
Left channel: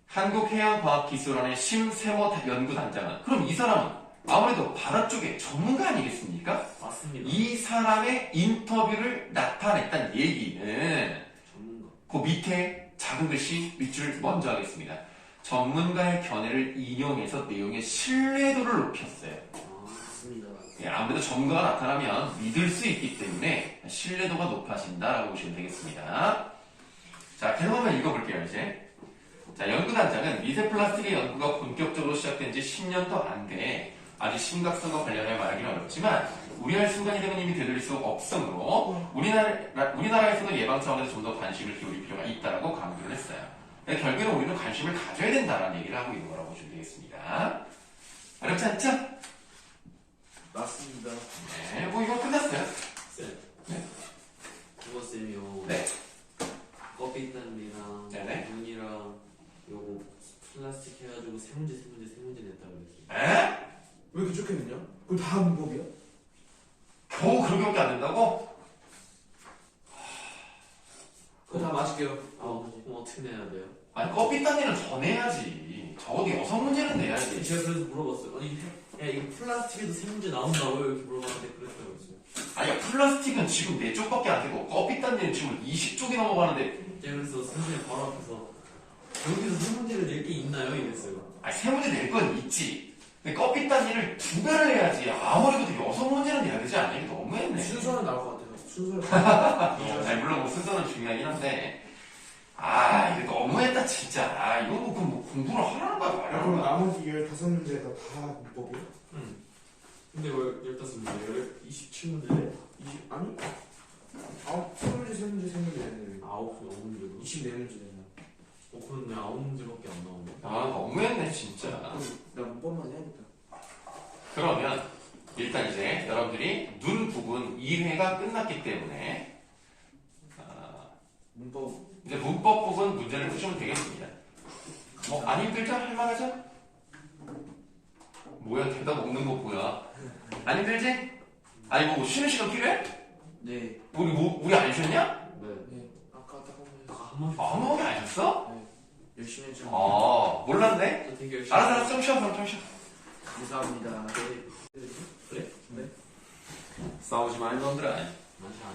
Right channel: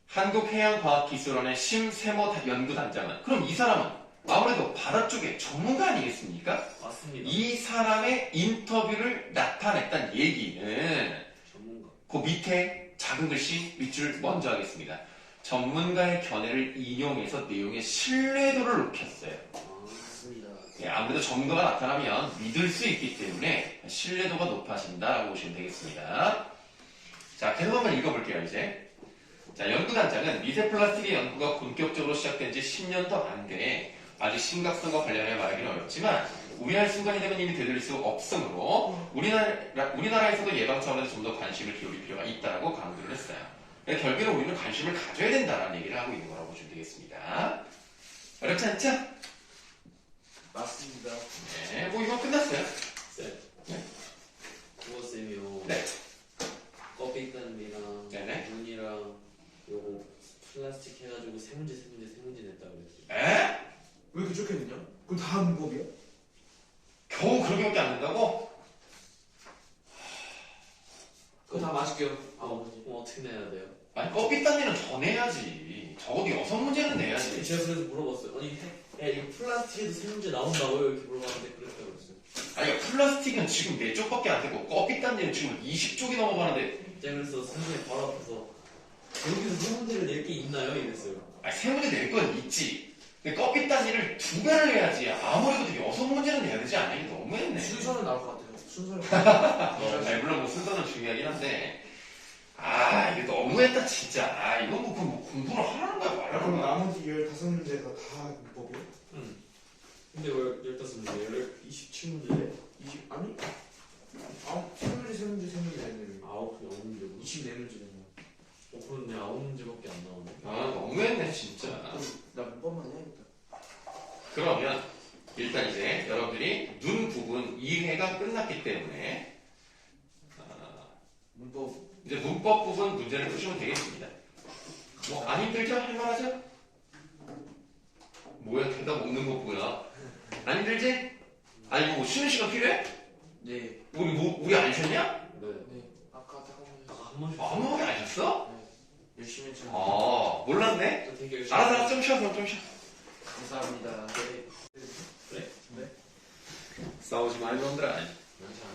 한국해양과학기술원의 심세모 연구단장은, 그럼 이 사람은 아무래도 바다 쪽에 전문가 아니겠습니까? 맞습니다. 이 사람의 인터뷰를 나타냈다는 얘기는 전문가. 그 밑에 작은 글씨 밑줄을 먼저 하겠습니다. 전문가의 견해를 인용해서 내용의 신뢰도를 높였어요. 맞습니다. 예, 아무래도 전문가가 나타나면 믿을 수 있기 때문에 신뢰도가 높아진다라고 보시면 되겠습니다. 자, 계속 한번 읽어볼게요, 이제. 자, 연구단장은 미세 플라스틱의 연구가 본격적으로 시작된 지 10년도 안 돼. 아직 심각성과 관련해 말하기는 어렵지만, 우려할 순간이 되면 이미 되돌릴 수 없으므로, 우리나라에서도 예방 차원에서 좀 더 관심을 기울일 필요가 있다라고 강조를 했어요. 그러니까 결국에는 우리는 관심을 가져야 된다라는 얘기를 하고 있는 거라고 보시면 되겠습니다. 어렵지 않죠? 맞습니다. 네, 뭐 이거 끝났어요. 쌤. 네. 그거 쌤이요. 네. 껍데기단이랑 네네. 눈이랑 요거 플라스틱 해가지고 세 문제 냈다 그랬어요. 에? 왜 이렇게 적혀있냐? 그거 다 문법이야? 겨우 그렇게밖에 안 된다고? 그거 다 맞을게요. 그럼 어떻게 내야 돼요? 아니, 껍데기단지는 더 내야지. 적어도 6문제는 내야지. 제가 그래서 물어봤어요. 아니, 야, 이거 플라스틱에도 세 문제 나온다고요? 이렇게 물어봤는데 그랬다고 했어요. 아니, 플라스틱은 지금 4쪽밖에 안 되고, 껍데기단지는 지금 20쪽이 넘어가는데, 제가 그래서 선생님 바로 앞에서 여기서 세 문제를 낼 게 있나요? 이랬어요. 아니, 3문제 낼 건 있지. 근데 껍데기단지를 2배를 해야지. 아무래도 6문제는 내야 되지 않냐? 이거 너무했네. 순서는 나올 것 같아요. 순서를. 아니, 물론 뭐 순서는 중요하긴 한데, 아, 이거 너무했다, 진짜. 아, 이거 뭐 공부를 하라는 거야, 말하는 그럼 거야. 나머지 15문제가 다 문법이야? 응. 근데 왜 15문제? 27문제? 20, 아니? 3문제 되네. 9문제로? 24문제 되네. 그런데 9문제밖에 안 나오네. 아, 너무했네, 진짜. 그럼 나 문법만 해야겠다. 그러면, 일단 이제 여러분들이 눈 부분 2회가 끝났기 때문에, 문법. 이제 문법 부분 문제를 푸시면 되겠습니다. 뭐, 안 힘들죠? 할만하죠? 뭐야, 대답 없는 거 뭐야? 안 힘들지? 아니, 뭐, 쉬는 시간 필요해? 네. 우리 안 쉬었냐? 네. 네. 아까 딱 한 번. 한 번씩. 아무것도 안 쉬었어? 열심히 했죠. 아, 몰랐네? 또 되게 열심히. 알았어, 좀 쉬어, 그럼 좀 쉬어. 감사합니다. 싸우지 말 놈들아. 안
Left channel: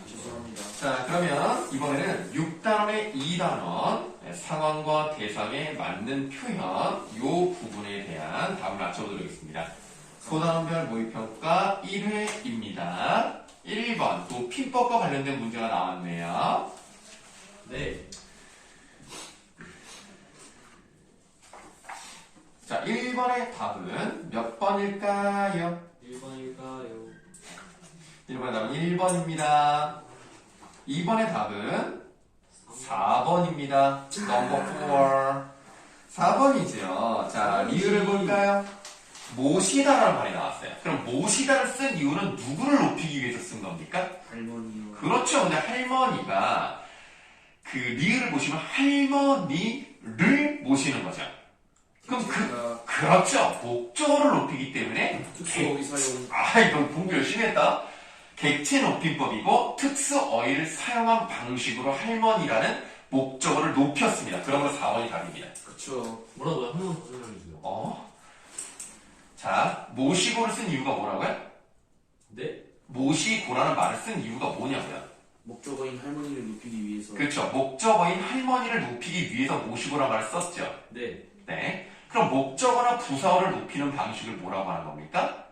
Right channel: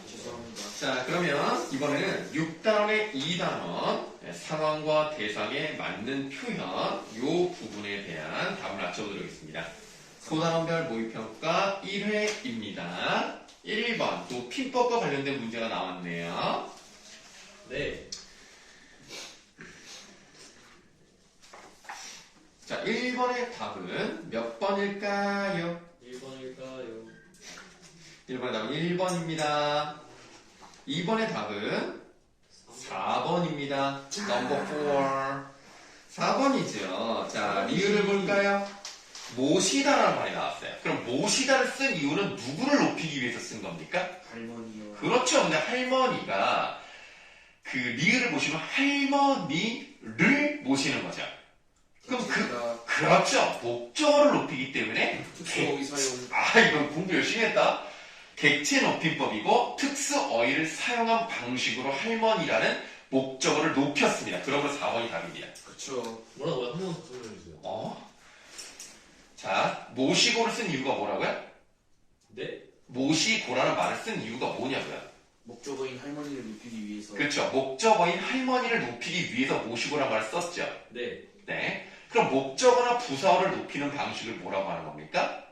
죄송합니다. 자, 그러면 이번에는 6단원의 2단원 상황과 대상에 맞는 표현 요 부분에 대한 답을 맞춰보도록 하겠습니다. 소단별 모의평가 1회입니다. 1번 또 피법과 관련된 문제가 나왔네요. 네. 자, 1번의 답은 몇 번일까요? 1번일까요? 1번의 답은 1번입니다. 2번의 답은 4번입니다. 넘버 4. 4번이죠. 자, 리을을 볼까요? 모시다라는 말이 나왔어요. 그럼 모시다를 쓴 이유는 누구를 높이기 위해서 쓴 겁니까? 할머니요. 그렇죠. 근데 할머니가 그 리을을 보시면 할머니를 모시는 거죠. 그럼 그렇죠. 목적어를 높이기 때문에 특수어휘 사용. 이건 공부 열심히 했다. 객체 높임법이고 특수어휘를 사용한 방식으로 할머니라는 목적어를 높였습니다. 그러므로 4번이 답입니다. 그쵸. 뭐라고요? 한 번 더 설명해주세요. 자, 모시고를 쓴 이유가 뭐라고요? 네? 모시고라는 말을 쓴 이유가 뭐냐고요? 목적어인 할머니를 높이기 위해서. 그렇죠. 목적어인 할머니를 높이기 위해서 모시고라는 말을 썼죠. 네. 네. 그럼 목적어나 부사어를 높이는 방식을 뭐라고 하는 겁니까?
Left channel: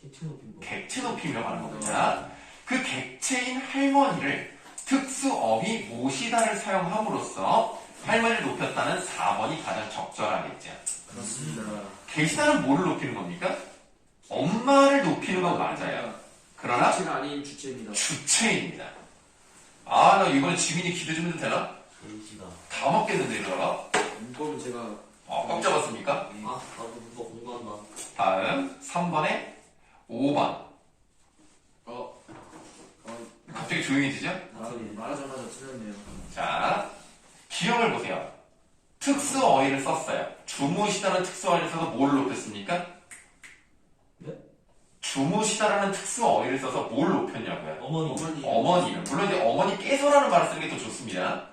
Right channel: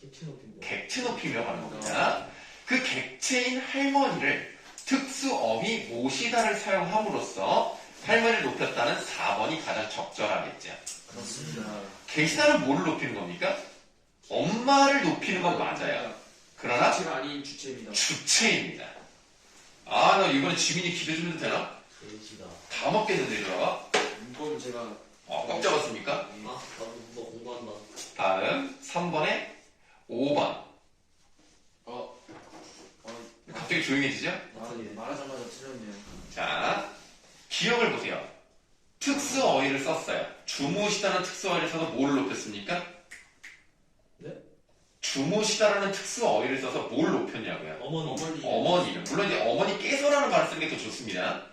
객체 높인 거. 객체 높임이라고 하는 겁니다. 그 객체인 할머니를 특수어휘 모시다를 사용함으로써 할머니를 높였다는 4번이 가장 적절하겠죠. 그렇습니다. 계시다는 뭐를 높이는 겁니까? 엄마를 높이는 건 맞아요. 그러나 주체가 아닌 주체입니다. 주체입니다. 나 이번에 지민이 기대 좀 해도 되나? 계시다. 다 먹겠는데 이거. 문법은 제가 꽉 잡았습니까? 나도 문법 공부한다. 다음 3번에 5번. 갑자기 조용해지죠? 말하자마자 틀렸네요. 자, 기억을 보세요. 특수어휘를 썼어요. 주무시다는 특수어휘를 써서 뭘 높였습니까? 네? 주무시다라는 특수어휘를 써서 뭘 높였냐고요? 어머니. 어머니를. 물론 이제 어머니께서라는 말을 쓰는 게 더 좋습니다.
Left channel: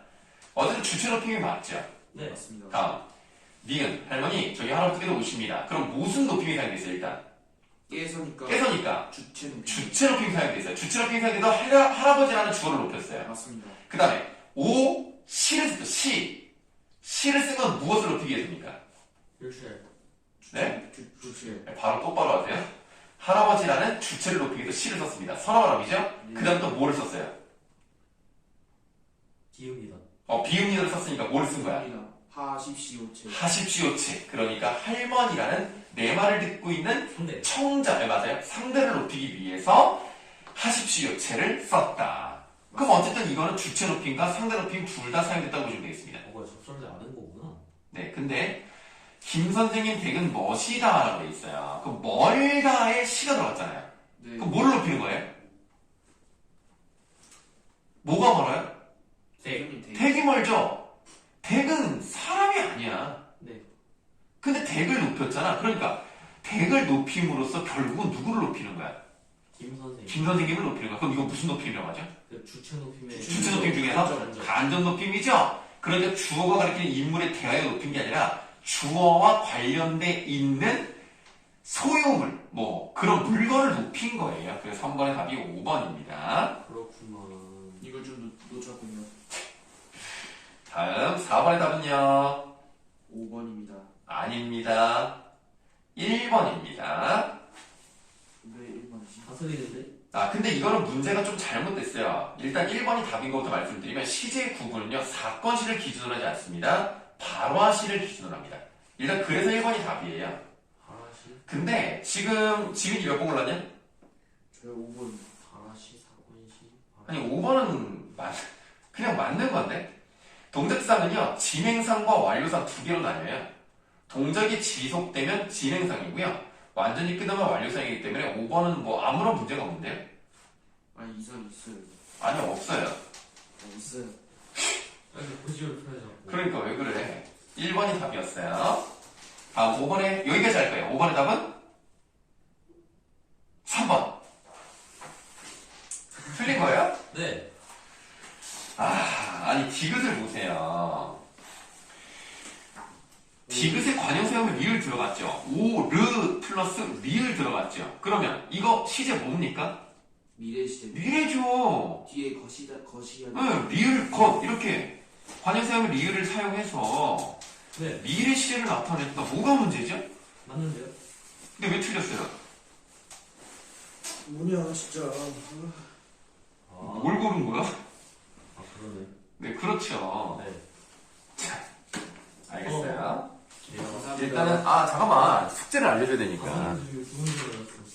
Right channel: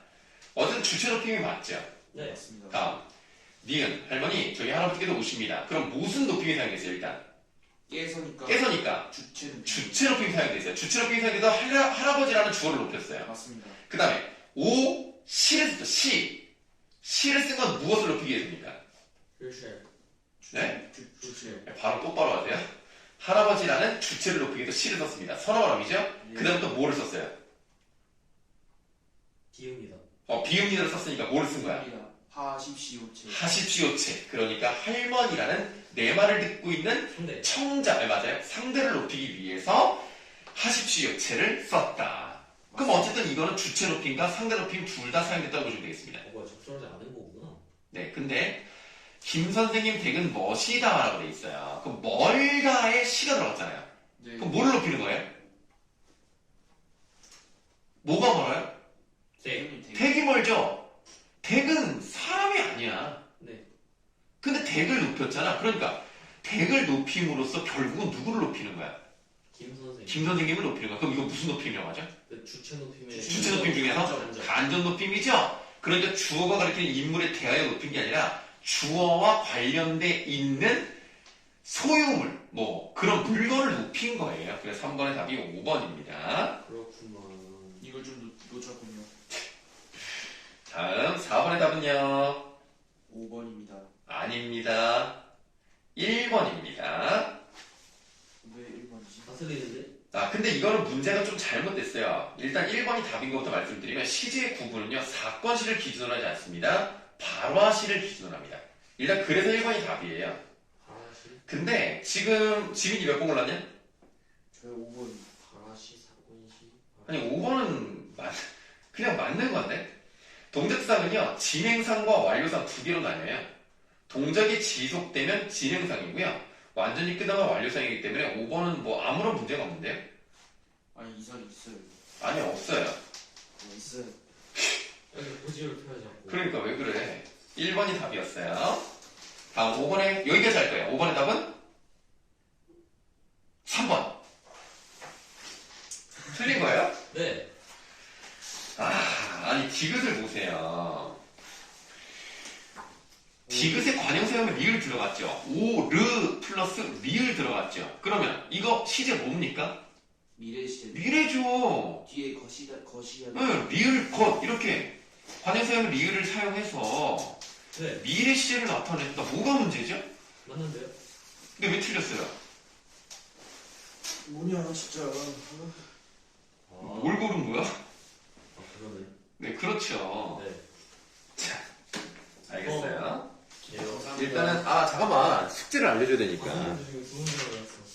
어쨌든 주체 높임이 맞죠. 네. 맞습니다. 다음, 니은 할머니 저희 할아버지께서 오십니다. 그럼 무슨 높임이 사용됐어요 일단? 깨서니까. 깨서니까 주체는. 주체 높임이 사용됐어요. 주체 높임이 사용돼서 할아버지라는 주어를 높였어요. 맞습니다. 그 다음에 시를 썼죠. 시를 쓴 건 무엇을 높이기 위해서입니까? 일주일. 네? 주체. 바로 똑바로 하세요. 할아버지라는 주체를 높이기 위해서 시를 썼습니다. 선어바람이죠? 네. 그 다음 또 뭐를 썼어요? 기읍니다. 비읍니다를 썼으니까 뭐를 쓴 거야? 하십시오체. 하십시오체. 그러니까 할머니라는 내 말을 듣고 있는 근데 청자, 맞아요. 상대를 높이기 위해서 하십시오체를 썼다. 그럼 어쨌든 이거는 주체 높임과 상대 높임 둘 다 사용됐다고 보시면 되겠습니다. 뭐가 적절하지 않은 거구나. 네, 근데 김 선생님 댁은 멋이다라고 돼 있어요. 그 멀다에 시가 들어갔잖아요. 네. 그럼 뭘 높이는 거예요? 뭐가 멀어요? 선생님 되게. 댁이 멀죠? 댁은 사람이 아니야. 네. 근데 댁을 높였잖아. 그러니까 댁을 높임으로써 결국은 누구를 높이는 거야? 김 선생. 김 선생님을 높이는 거야. 그럼 이거 무슨 높임이라고 하죠? 그 주체 높임의 주체 높임 중에서 간접. 간접 높임이죠. 그러니까 주어가 가리키는 인물에 대하여 높인 게 아니라 주어와 관련돼 있는 소유물, 그런 물건을 높인 거예요. 그래서 3번의 답이 5번입니다. 그렇구나. 이걸 좀 놓쳤군요. 다음 4번의 답은요? 5번입니다. 아닙니다. 1번입니다. 왜 1번이지? 다스리는데? 근데 이거는 문제가 좀 잘못됐어요. 일단 1번이 답인 것부터 말씀드리면 시제의 구분은요, 사건시를 기준으로 하지 않습니다. 발화시를 기준으로 합니다. 일단 그래서 1번이 답이에요. 가라시. 근데 지금 지민이 몇 번 골랐냐? 저 5번. 가라시 사건시. 아니 5번은 그냥 맞는 건데. 동작상은요, 진행상과 완료상 두 개로 나뉘어요. 동작이 지속되면 진행상이고요. 완전히 끝나면 완료상이기 때문에 5번은 아무런 문제가 없는데요. 아니 이상 있어요. 아니 없어요. 있어요. 여기 고지를 표현하고. 그러니까 왜 그래? 1번이 답이었어요. 다음 5번에 여기까지 할 거예요. 5번의 답은 3번. 틀린 거예요? 네. 아니 디귿을 보세요. 디귿에 관형사용은 리을 들어갔죠. 르 플러스 리을 들어갔죠. 그러면 이거 시제 뭡니까? 미래 시대. 미래죠. 뒤에 거시야. 응, 리을 것 이렇게 관형사용은 리을을 사용해서 네. 미래 시제를 나타냈다. 뭐가 문제죠? 맞는데요? 근데 왜 틀렸어요? 뭐냐 진짜. 뭘 고른 거야? 그러네. 네, 그렇죠. 네. 알겠어요. 개요. 일단은, 잠깐만. 숙제를 알려줘야 되니까. 되게 좋은 줄 알았어.